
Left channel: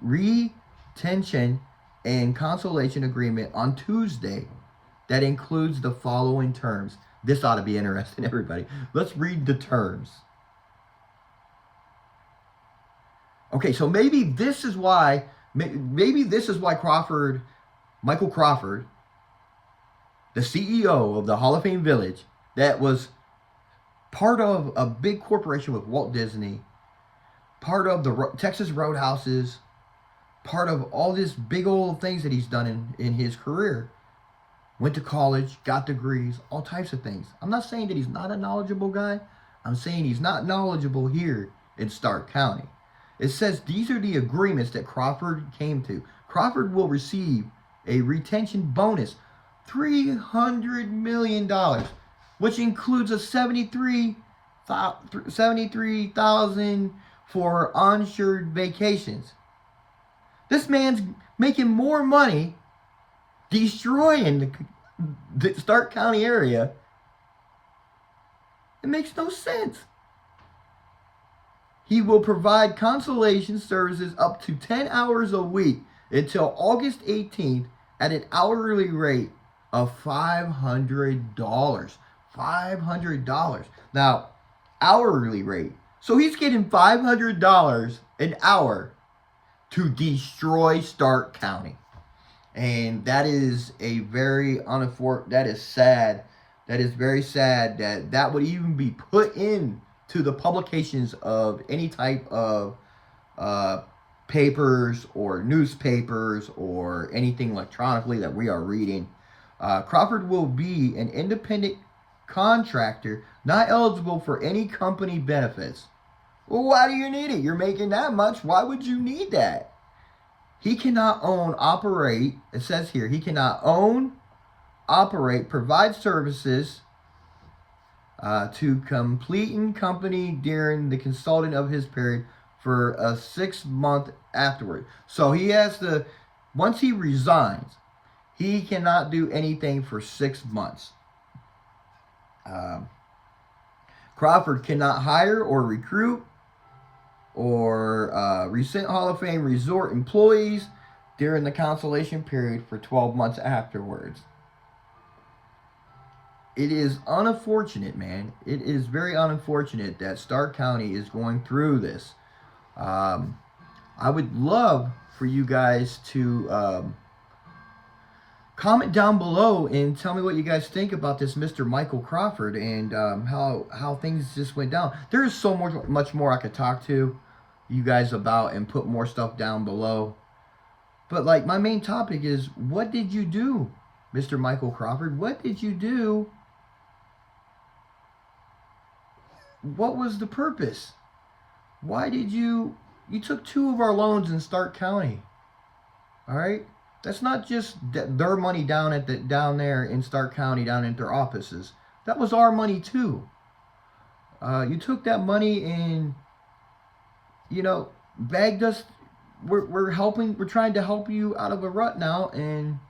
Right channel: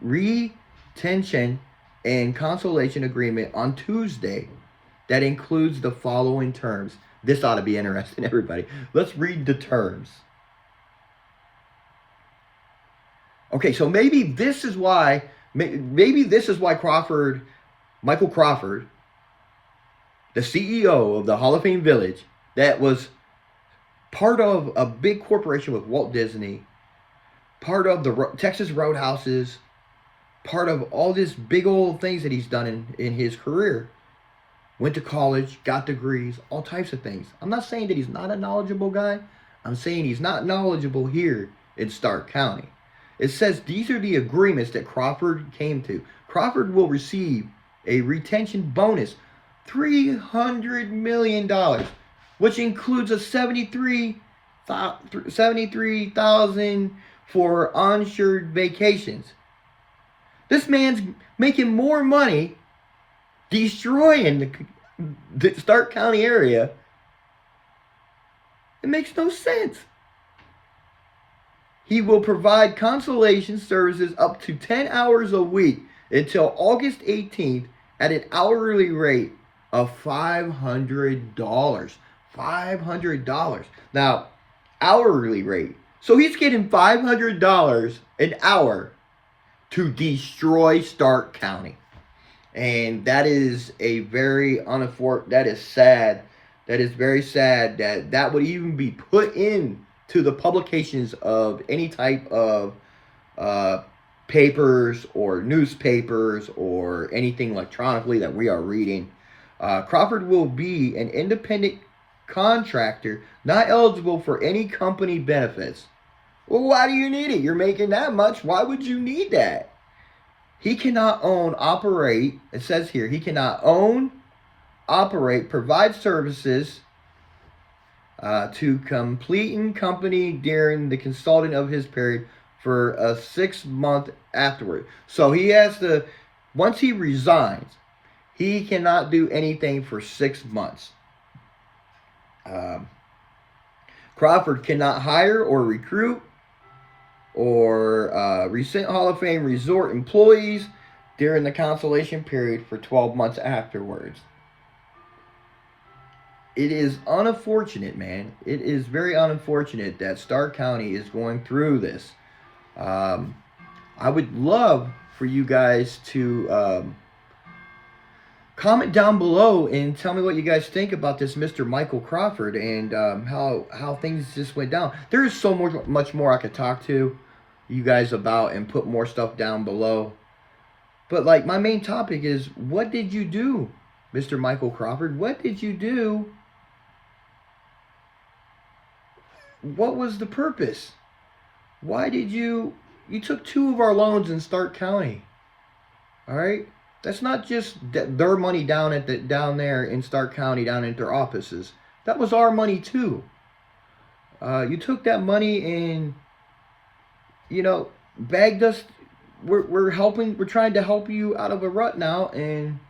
retention and consolation agreement on Tuesday that includes the following terms. This ought to be interesting, everybody. Let's read the terms. Okay, so maybe this is why Maybe this is why Michael Crawford, the CEO of the Hall of Fame Village, that was part of a big corporation with Walt Disney, part of the Texas Roadhouses, part of all these big old things that he's done in his career. Went to college, got degrees, all types of things. I'm not saying that he's not a knowledgeable guy. I'm saying he's not knowledgeable here in Stark County. It says these are the agreements that Crawford came to. Crawford will receive a retention bonus, $300 million, which includes a $73,000 for onshore vacations. This man's making more money destroying the Stark County area. It makes no sense. He will provide consolation services up to 10 hours a week until August 18th at an hourly rate of $500. $500. Now, hourly rate. So he's getting $500 an hour to destroy Stark County. And that is a very that is sad. That is very sad that would even be put in to the publications of any type of papers or newspapers or anything electronically that we are reading. Crawford will be an independent contractor, not eligible for any company benefits. Well, why do you need it? You're making that much. Why would you need that? He cannot own, operate, it says here, he cannot own, operate, provide services to completing company during the consulting of his period for a 6 month afterward. So he has to, once he resigns, he cannot do anything for 6 months. Crawford cannot hire or recruit or recent Hall of Fame resort employees during the consolation period for 12 months afterwards. It is unfortunate, man. It is very unfortunate that Stark County is going through this. I would love for you guys to comment down below and tell me what you guys think about this Mr. Michael Crawford and how things just went down. There is so much more I could talk to you guys about and put more stuff down below. But like my main topic is, what did you do, Mr. Michael Crawford? What did you do? What was the purpose? Why did you took 2 of our loans in Stark County? All right? That's not just their money down there in Stark County, down at their offices. That was our money too. You took that money and, bagged us. We're trying to help you out of a rut now, and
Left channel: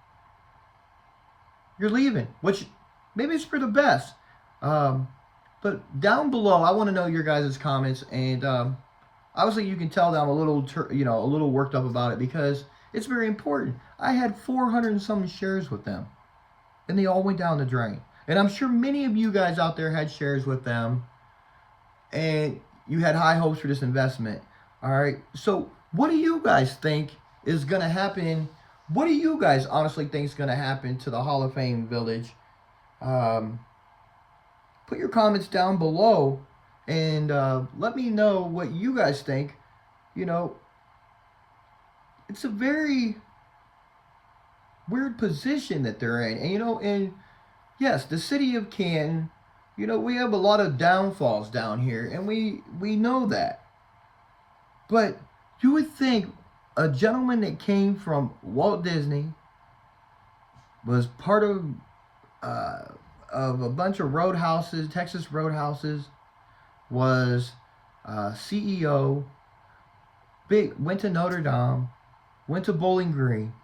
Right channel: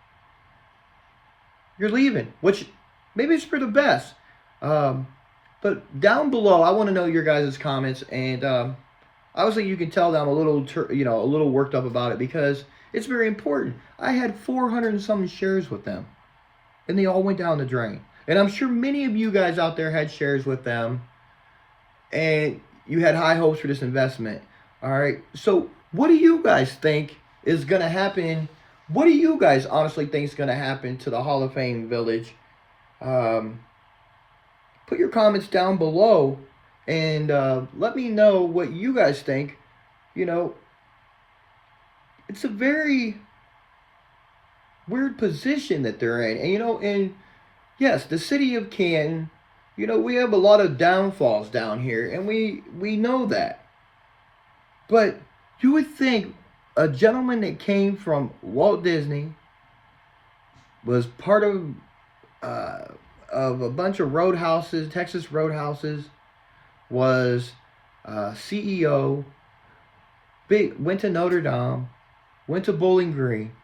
you're leaving, which maybe it's for the best. But down below, I want to know your guys' comments, and obviously you can tell that I'm a little worked up about it because it's very important. I had 400 and some shares with them, and they all went down the drain. And I'm sure many of you guys out there had shares with them, and you had high hopes for this investment. All right. So what do you guys think is going to happen? What do you guys honestly think is going to happen to the Hall of Fame Village? Put your comments down below and let me know what you guys think. It's a very weird position that they're in. And yes, the city of Canton, we have a lot of downfalls down here, and we know that. But you would think a gentleman that came from Walt Disney, was part of a bunch of roadhouses, Texas roadhouses, was CEO, went to Notre Dame, went to Bowling Green,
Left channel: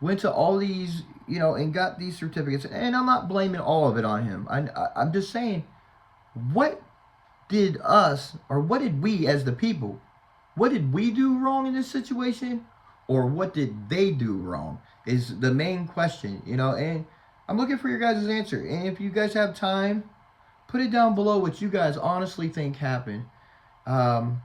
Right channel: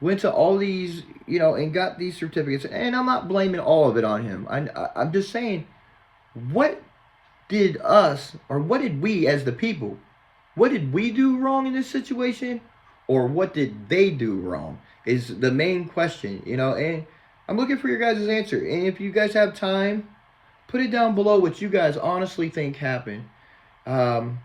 went to all these, and got these certificates. And I'm not blaming all of it on him. I'm just saying, what did we as the people, what did we do wrong in this situation? Or what did they do wrong is the main question, and I'm looking for your guys' answer. And if you guys have time, put it down below what you guys honestly think happened. I'm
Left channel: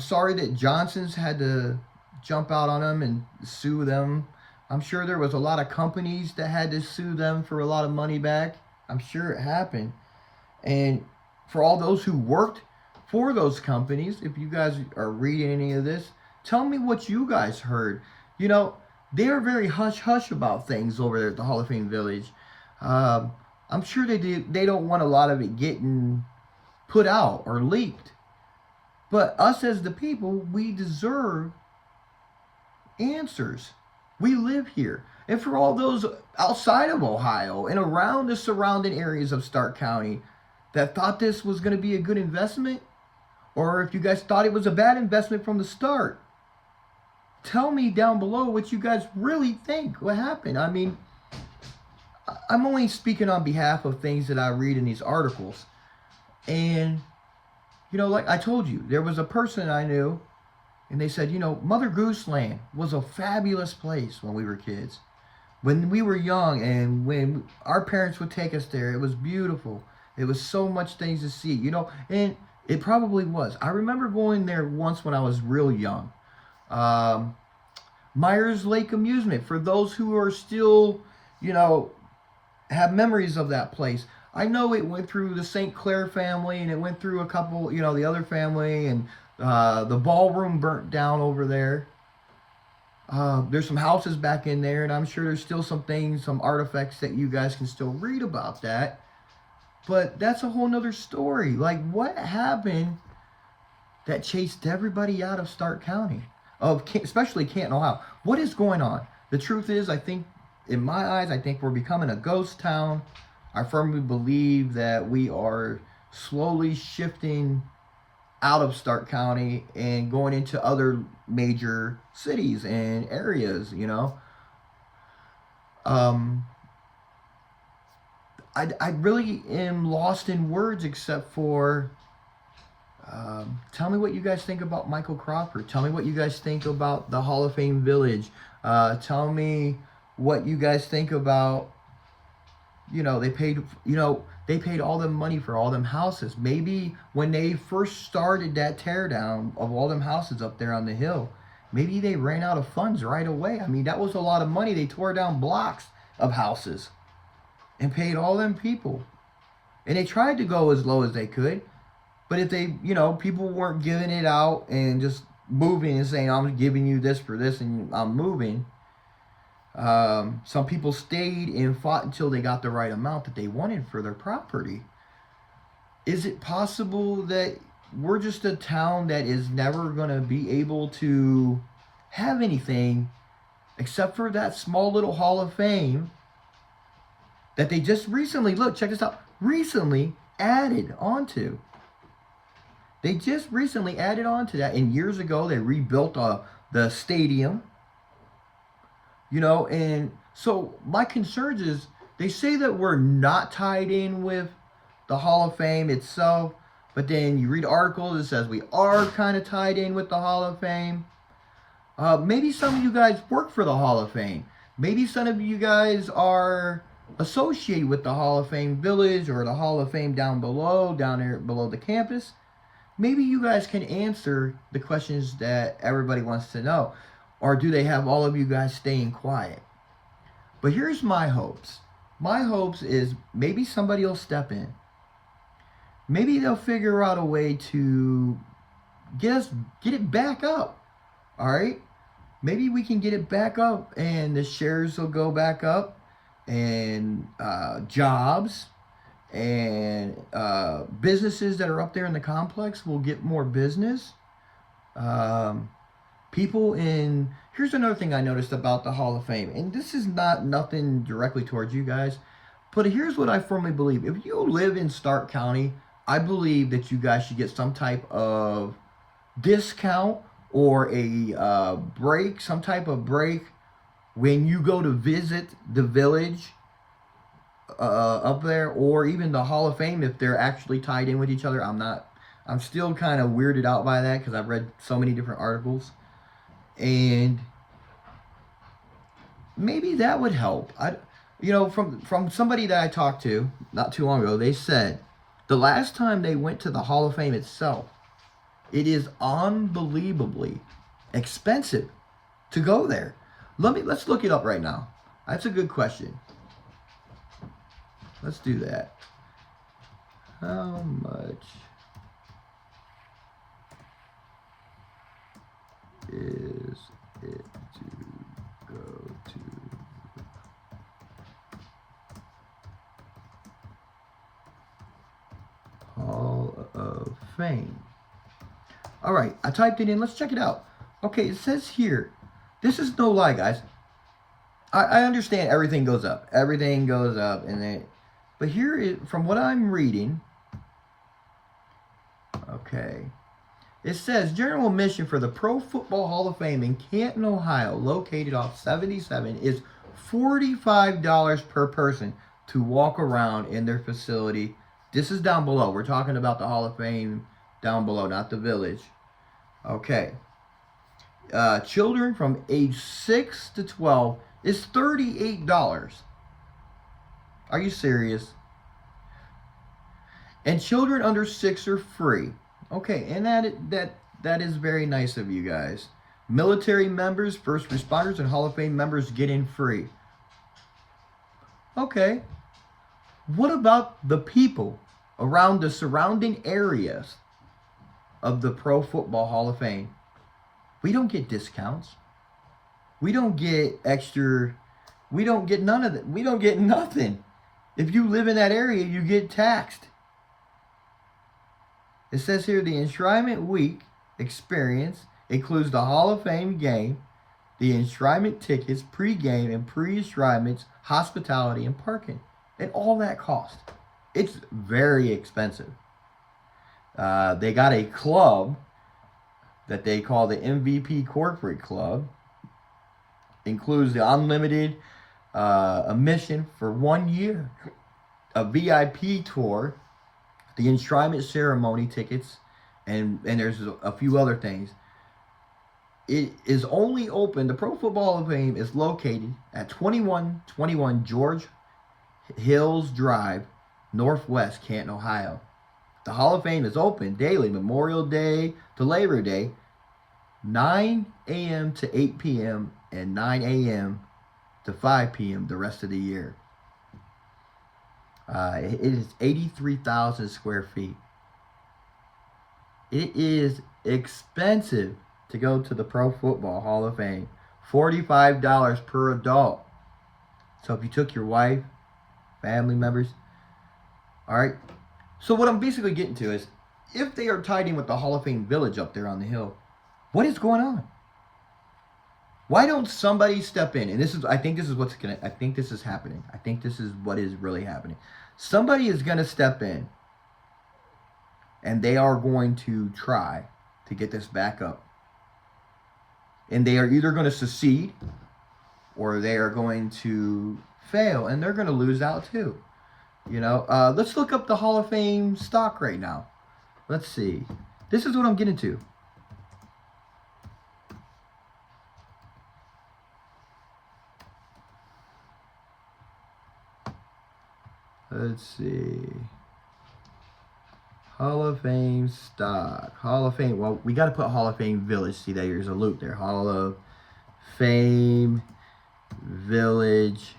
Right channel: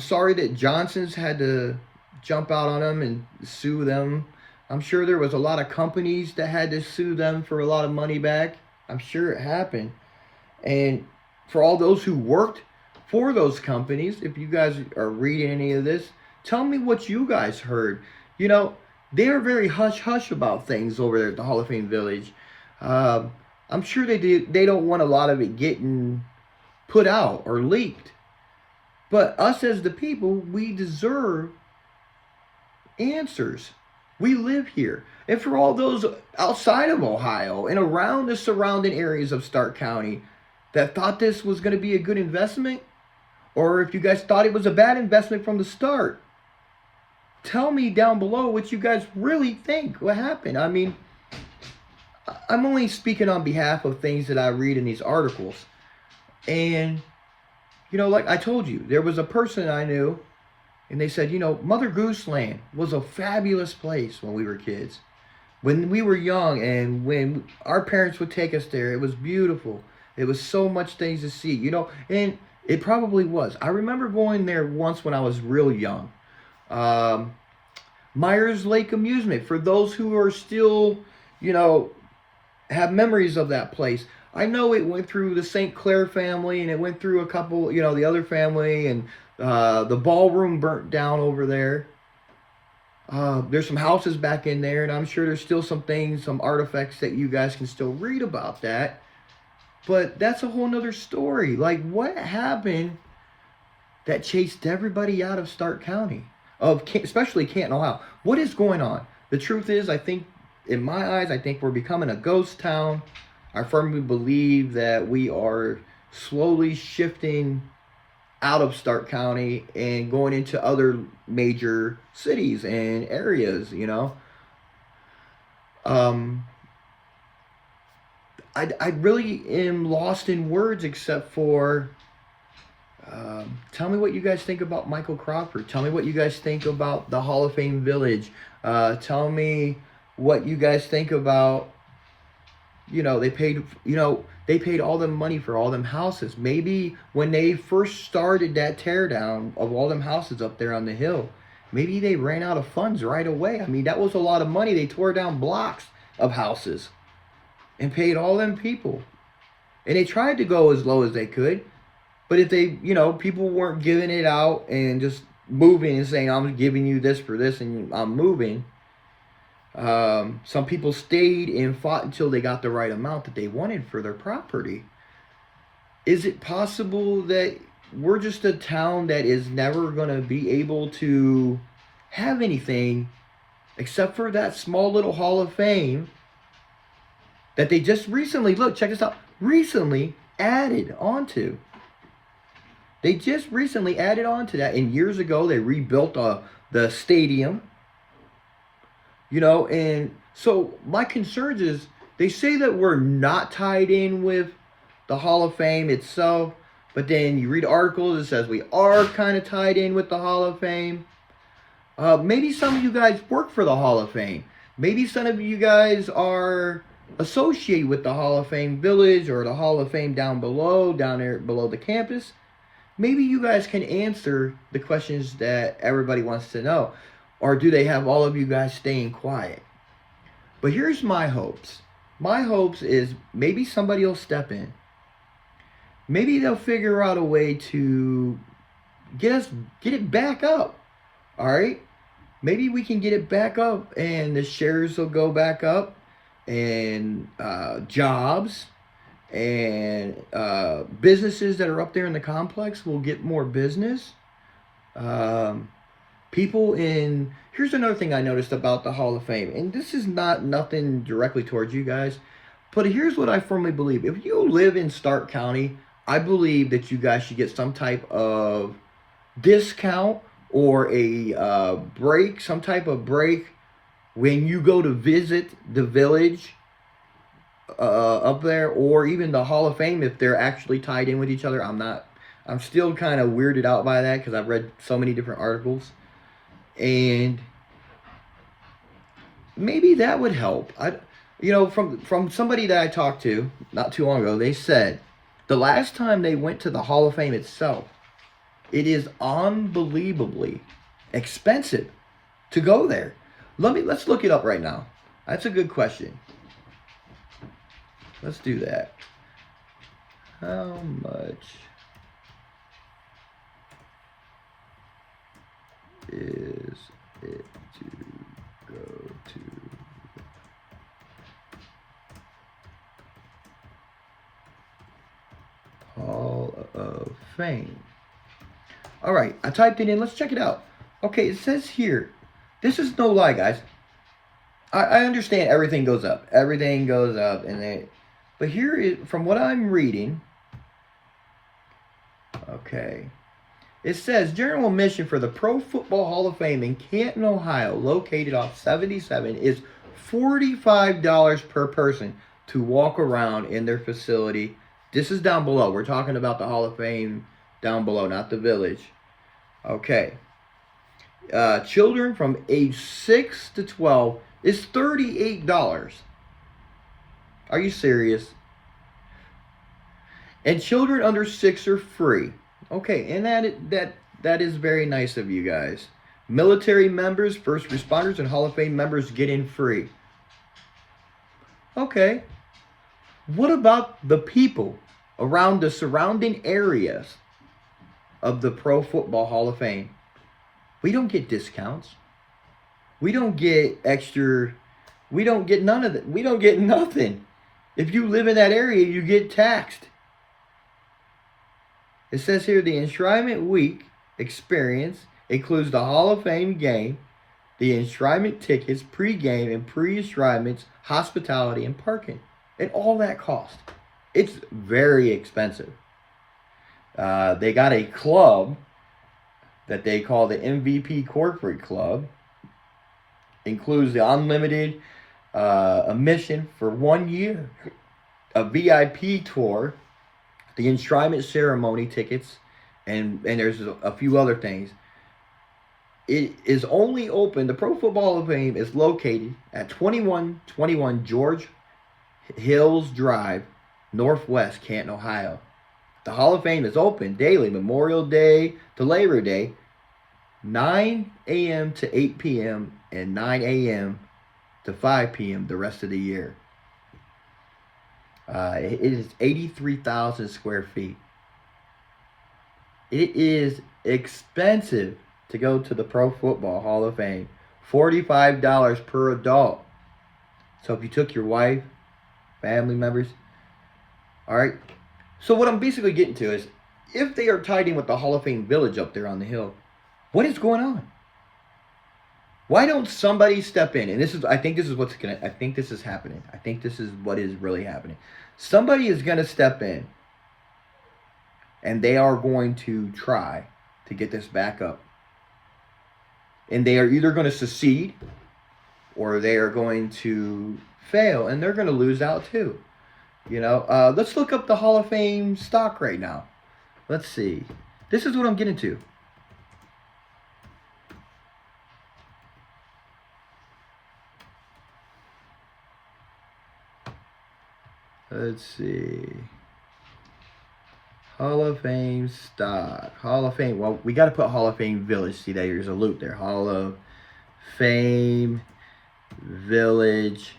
sorry that Johnson's had to jump out on them and sue them. I'm sure there was a lot of companies that had to sue them for a lot of money back. I'm sure it happened. And for all those who worked for those companies, if you guys are reading any of this, tell me what you guys heard. You know, they are very hush-hush about things over there at the Hall of Fame Village. I'm sure they don't want a lot of it getting put out or leaked. But us as the people, we deserve answers. We live here. And for all those outside of Ohio and around the surrounding areas of Stark County that thought this was going to be a good investment, or if you guys thought it was a bad investment from the start, tell me down below what you guys really think. What happened? I mean, I'm only speaking on behalf of things that I read in these articles. And, you know, like I told you, there was a person I knew, and they said, you know, Mother Goose Land was a fabulous place when we were kids. When we were young and when our parents would take us there, it was beautiful. It was so much things to see, you know, and it probably was. I remember going there once when I was real young. Myers Lake Amusement, for those who are still, you know, have memories of that place. I know it went through the St. Clair family, and it went through a couple, you know, the other family, and the ballroom burnt down over there. There's some houses back in there, and I'm sure there's still some things, some artifacts that you guys can still read about that. But that's a whole nother story. Like, what happened that chased everybody out of Stark County, especially Canton, Ohio? What is going on? The truth is, I think, in my eyes, I think we're becoming a ghost town. I firmly believe that we are slowly shifting out of Stark County and going into other major cities and areas, you know. I really am lost in words, except for tell me what you guys think about Michael Crawford. Tell me what you guys think about the Hall of Fame Village. Tell me what you guys think about, you know, they paid all them money for all them houses. Maybe when they first started that teardown of all them houses up there on the hill, maybe they ran out of funds right away. I mean, that was a lot of money. They tore down blocks of houses and paid all them people. And they tried to go as low as they could. But if they, you know, people weren't giving it out and just moving and saying, I'm giving you this for this and I'm moving. Some people stayed and fought until they got the right amount that they wanted for their property. Is it possible that we're just a town that is never going to be able to have anything except for that small little Hall of Fame that they just recently, look, check this out, recently added onto? They just recently added on to that. And years ago, they rebuilt the stadium. You know, and so my concerns is, they say that we're not tied in with the Hall of Fame itself, but then you read articles that says we are kind of tied in with the Hall of Fame. Maybe some of you guys work for the Hall of Fame. Maybe some of you guys are associated with the Hall of Fame Village or the Hall of Fame down there below the campus. Maybe you guys can answer the questions that everybody wants to know. Or do they have all of you guys staying quiet? But here's my hopes. My hopes is maybe somebody will step in. Maybe they'll figure out a way to get it back up. All right? Maybe we can get it back up and the shares will go back up, and jobs and businesses that are up there in the complex will get more business. Here's another thing I noticed about the Hall of Fame, and this is nothing directly towards you guys, but here's what I firmly believe. If you live in Stark County, I believe that you guys should get some type of discount or a break, some type of break when you go to visit the village up there, or even the Hall of Fame if they're actually tied in with each other. I'm still kind of weirded out by that because I've read so many different articles. And maybe that would help. From somebody that I talked to not too long ago, they said the last time they went to the Hall of Fame itself, it is unbelievably expensive to go there? Let's look it up right now. That's a good question. Let's do that. How much is it to go to Hall of Fame? All right, I typed it in. Let's check it out. Okay, it says here, this is no lie, guys. I understand everything goes up. Everything goes up. But here is, from what I'm reading, okay, it says general admission for the Pro Football Hall of Fame in Canton, Ohio, located off 77, is $45 per person to walk around in their facility. This is down below. We're talking about the Hall of Fame down below, not the village. Okay. Children from age 6 to 12 is $38. Are you serious? And children under 6 are free. Okay, and that is very nice of you guys. Military members, first responders, and Hall of Fame members get in free. Okay. What about the people around the surrounding areas of the Pro Football Hall of Fame? We don't get discounts. We don't get extra. We don't get none of it. We don't get nothing. If you live in that area, you get taxed. It says here the Enshrinement Week experience includes the Hall of Fame game, the enshrinement tickets, pre-game and pre-enshrinements, hospitality, and parking. And all that cost. It's very expensive. They got a club that they call the MVP Corporate Club. Includes the unlimited admission for 1 year, a VIP tour, the enshrinement ceremony tickets, and there's a few other things. It is only open, the Pro Football Hall of Fame is located at 2121 George Hills Drive, Northwest Canton, Ohio. The Hall of Fame is open daily, Memorial Day to Labor Day, 9 a.m. to 8 p.m. and 9 a.m. to 5 p.m. the rest of the year. It is 83,000 square feet. It is expensive to go to the Pro Football Hall of Fame. $45 per adult. So if you took your wife, family members, all right. So what I'm basically getting to is, if they are tied in with the Hall of Fame Village up there on the hill, what is going on? Why don't somebody step in? And I think this is happening. I think this is what is really happening. Somebody is going to step in, and they are going to try to get this back up. And they are either going to succeed, or they are going to fail, and they're going to lose out too. You know, let's look up the Hall of Fame stock right now. Let's see. This is what I'm getting to. Let's see. Hall of Fame stock. Hall of Fame. Well, we got to put Hall of Fame Village. See, there's a loop there. Hall of Fame Village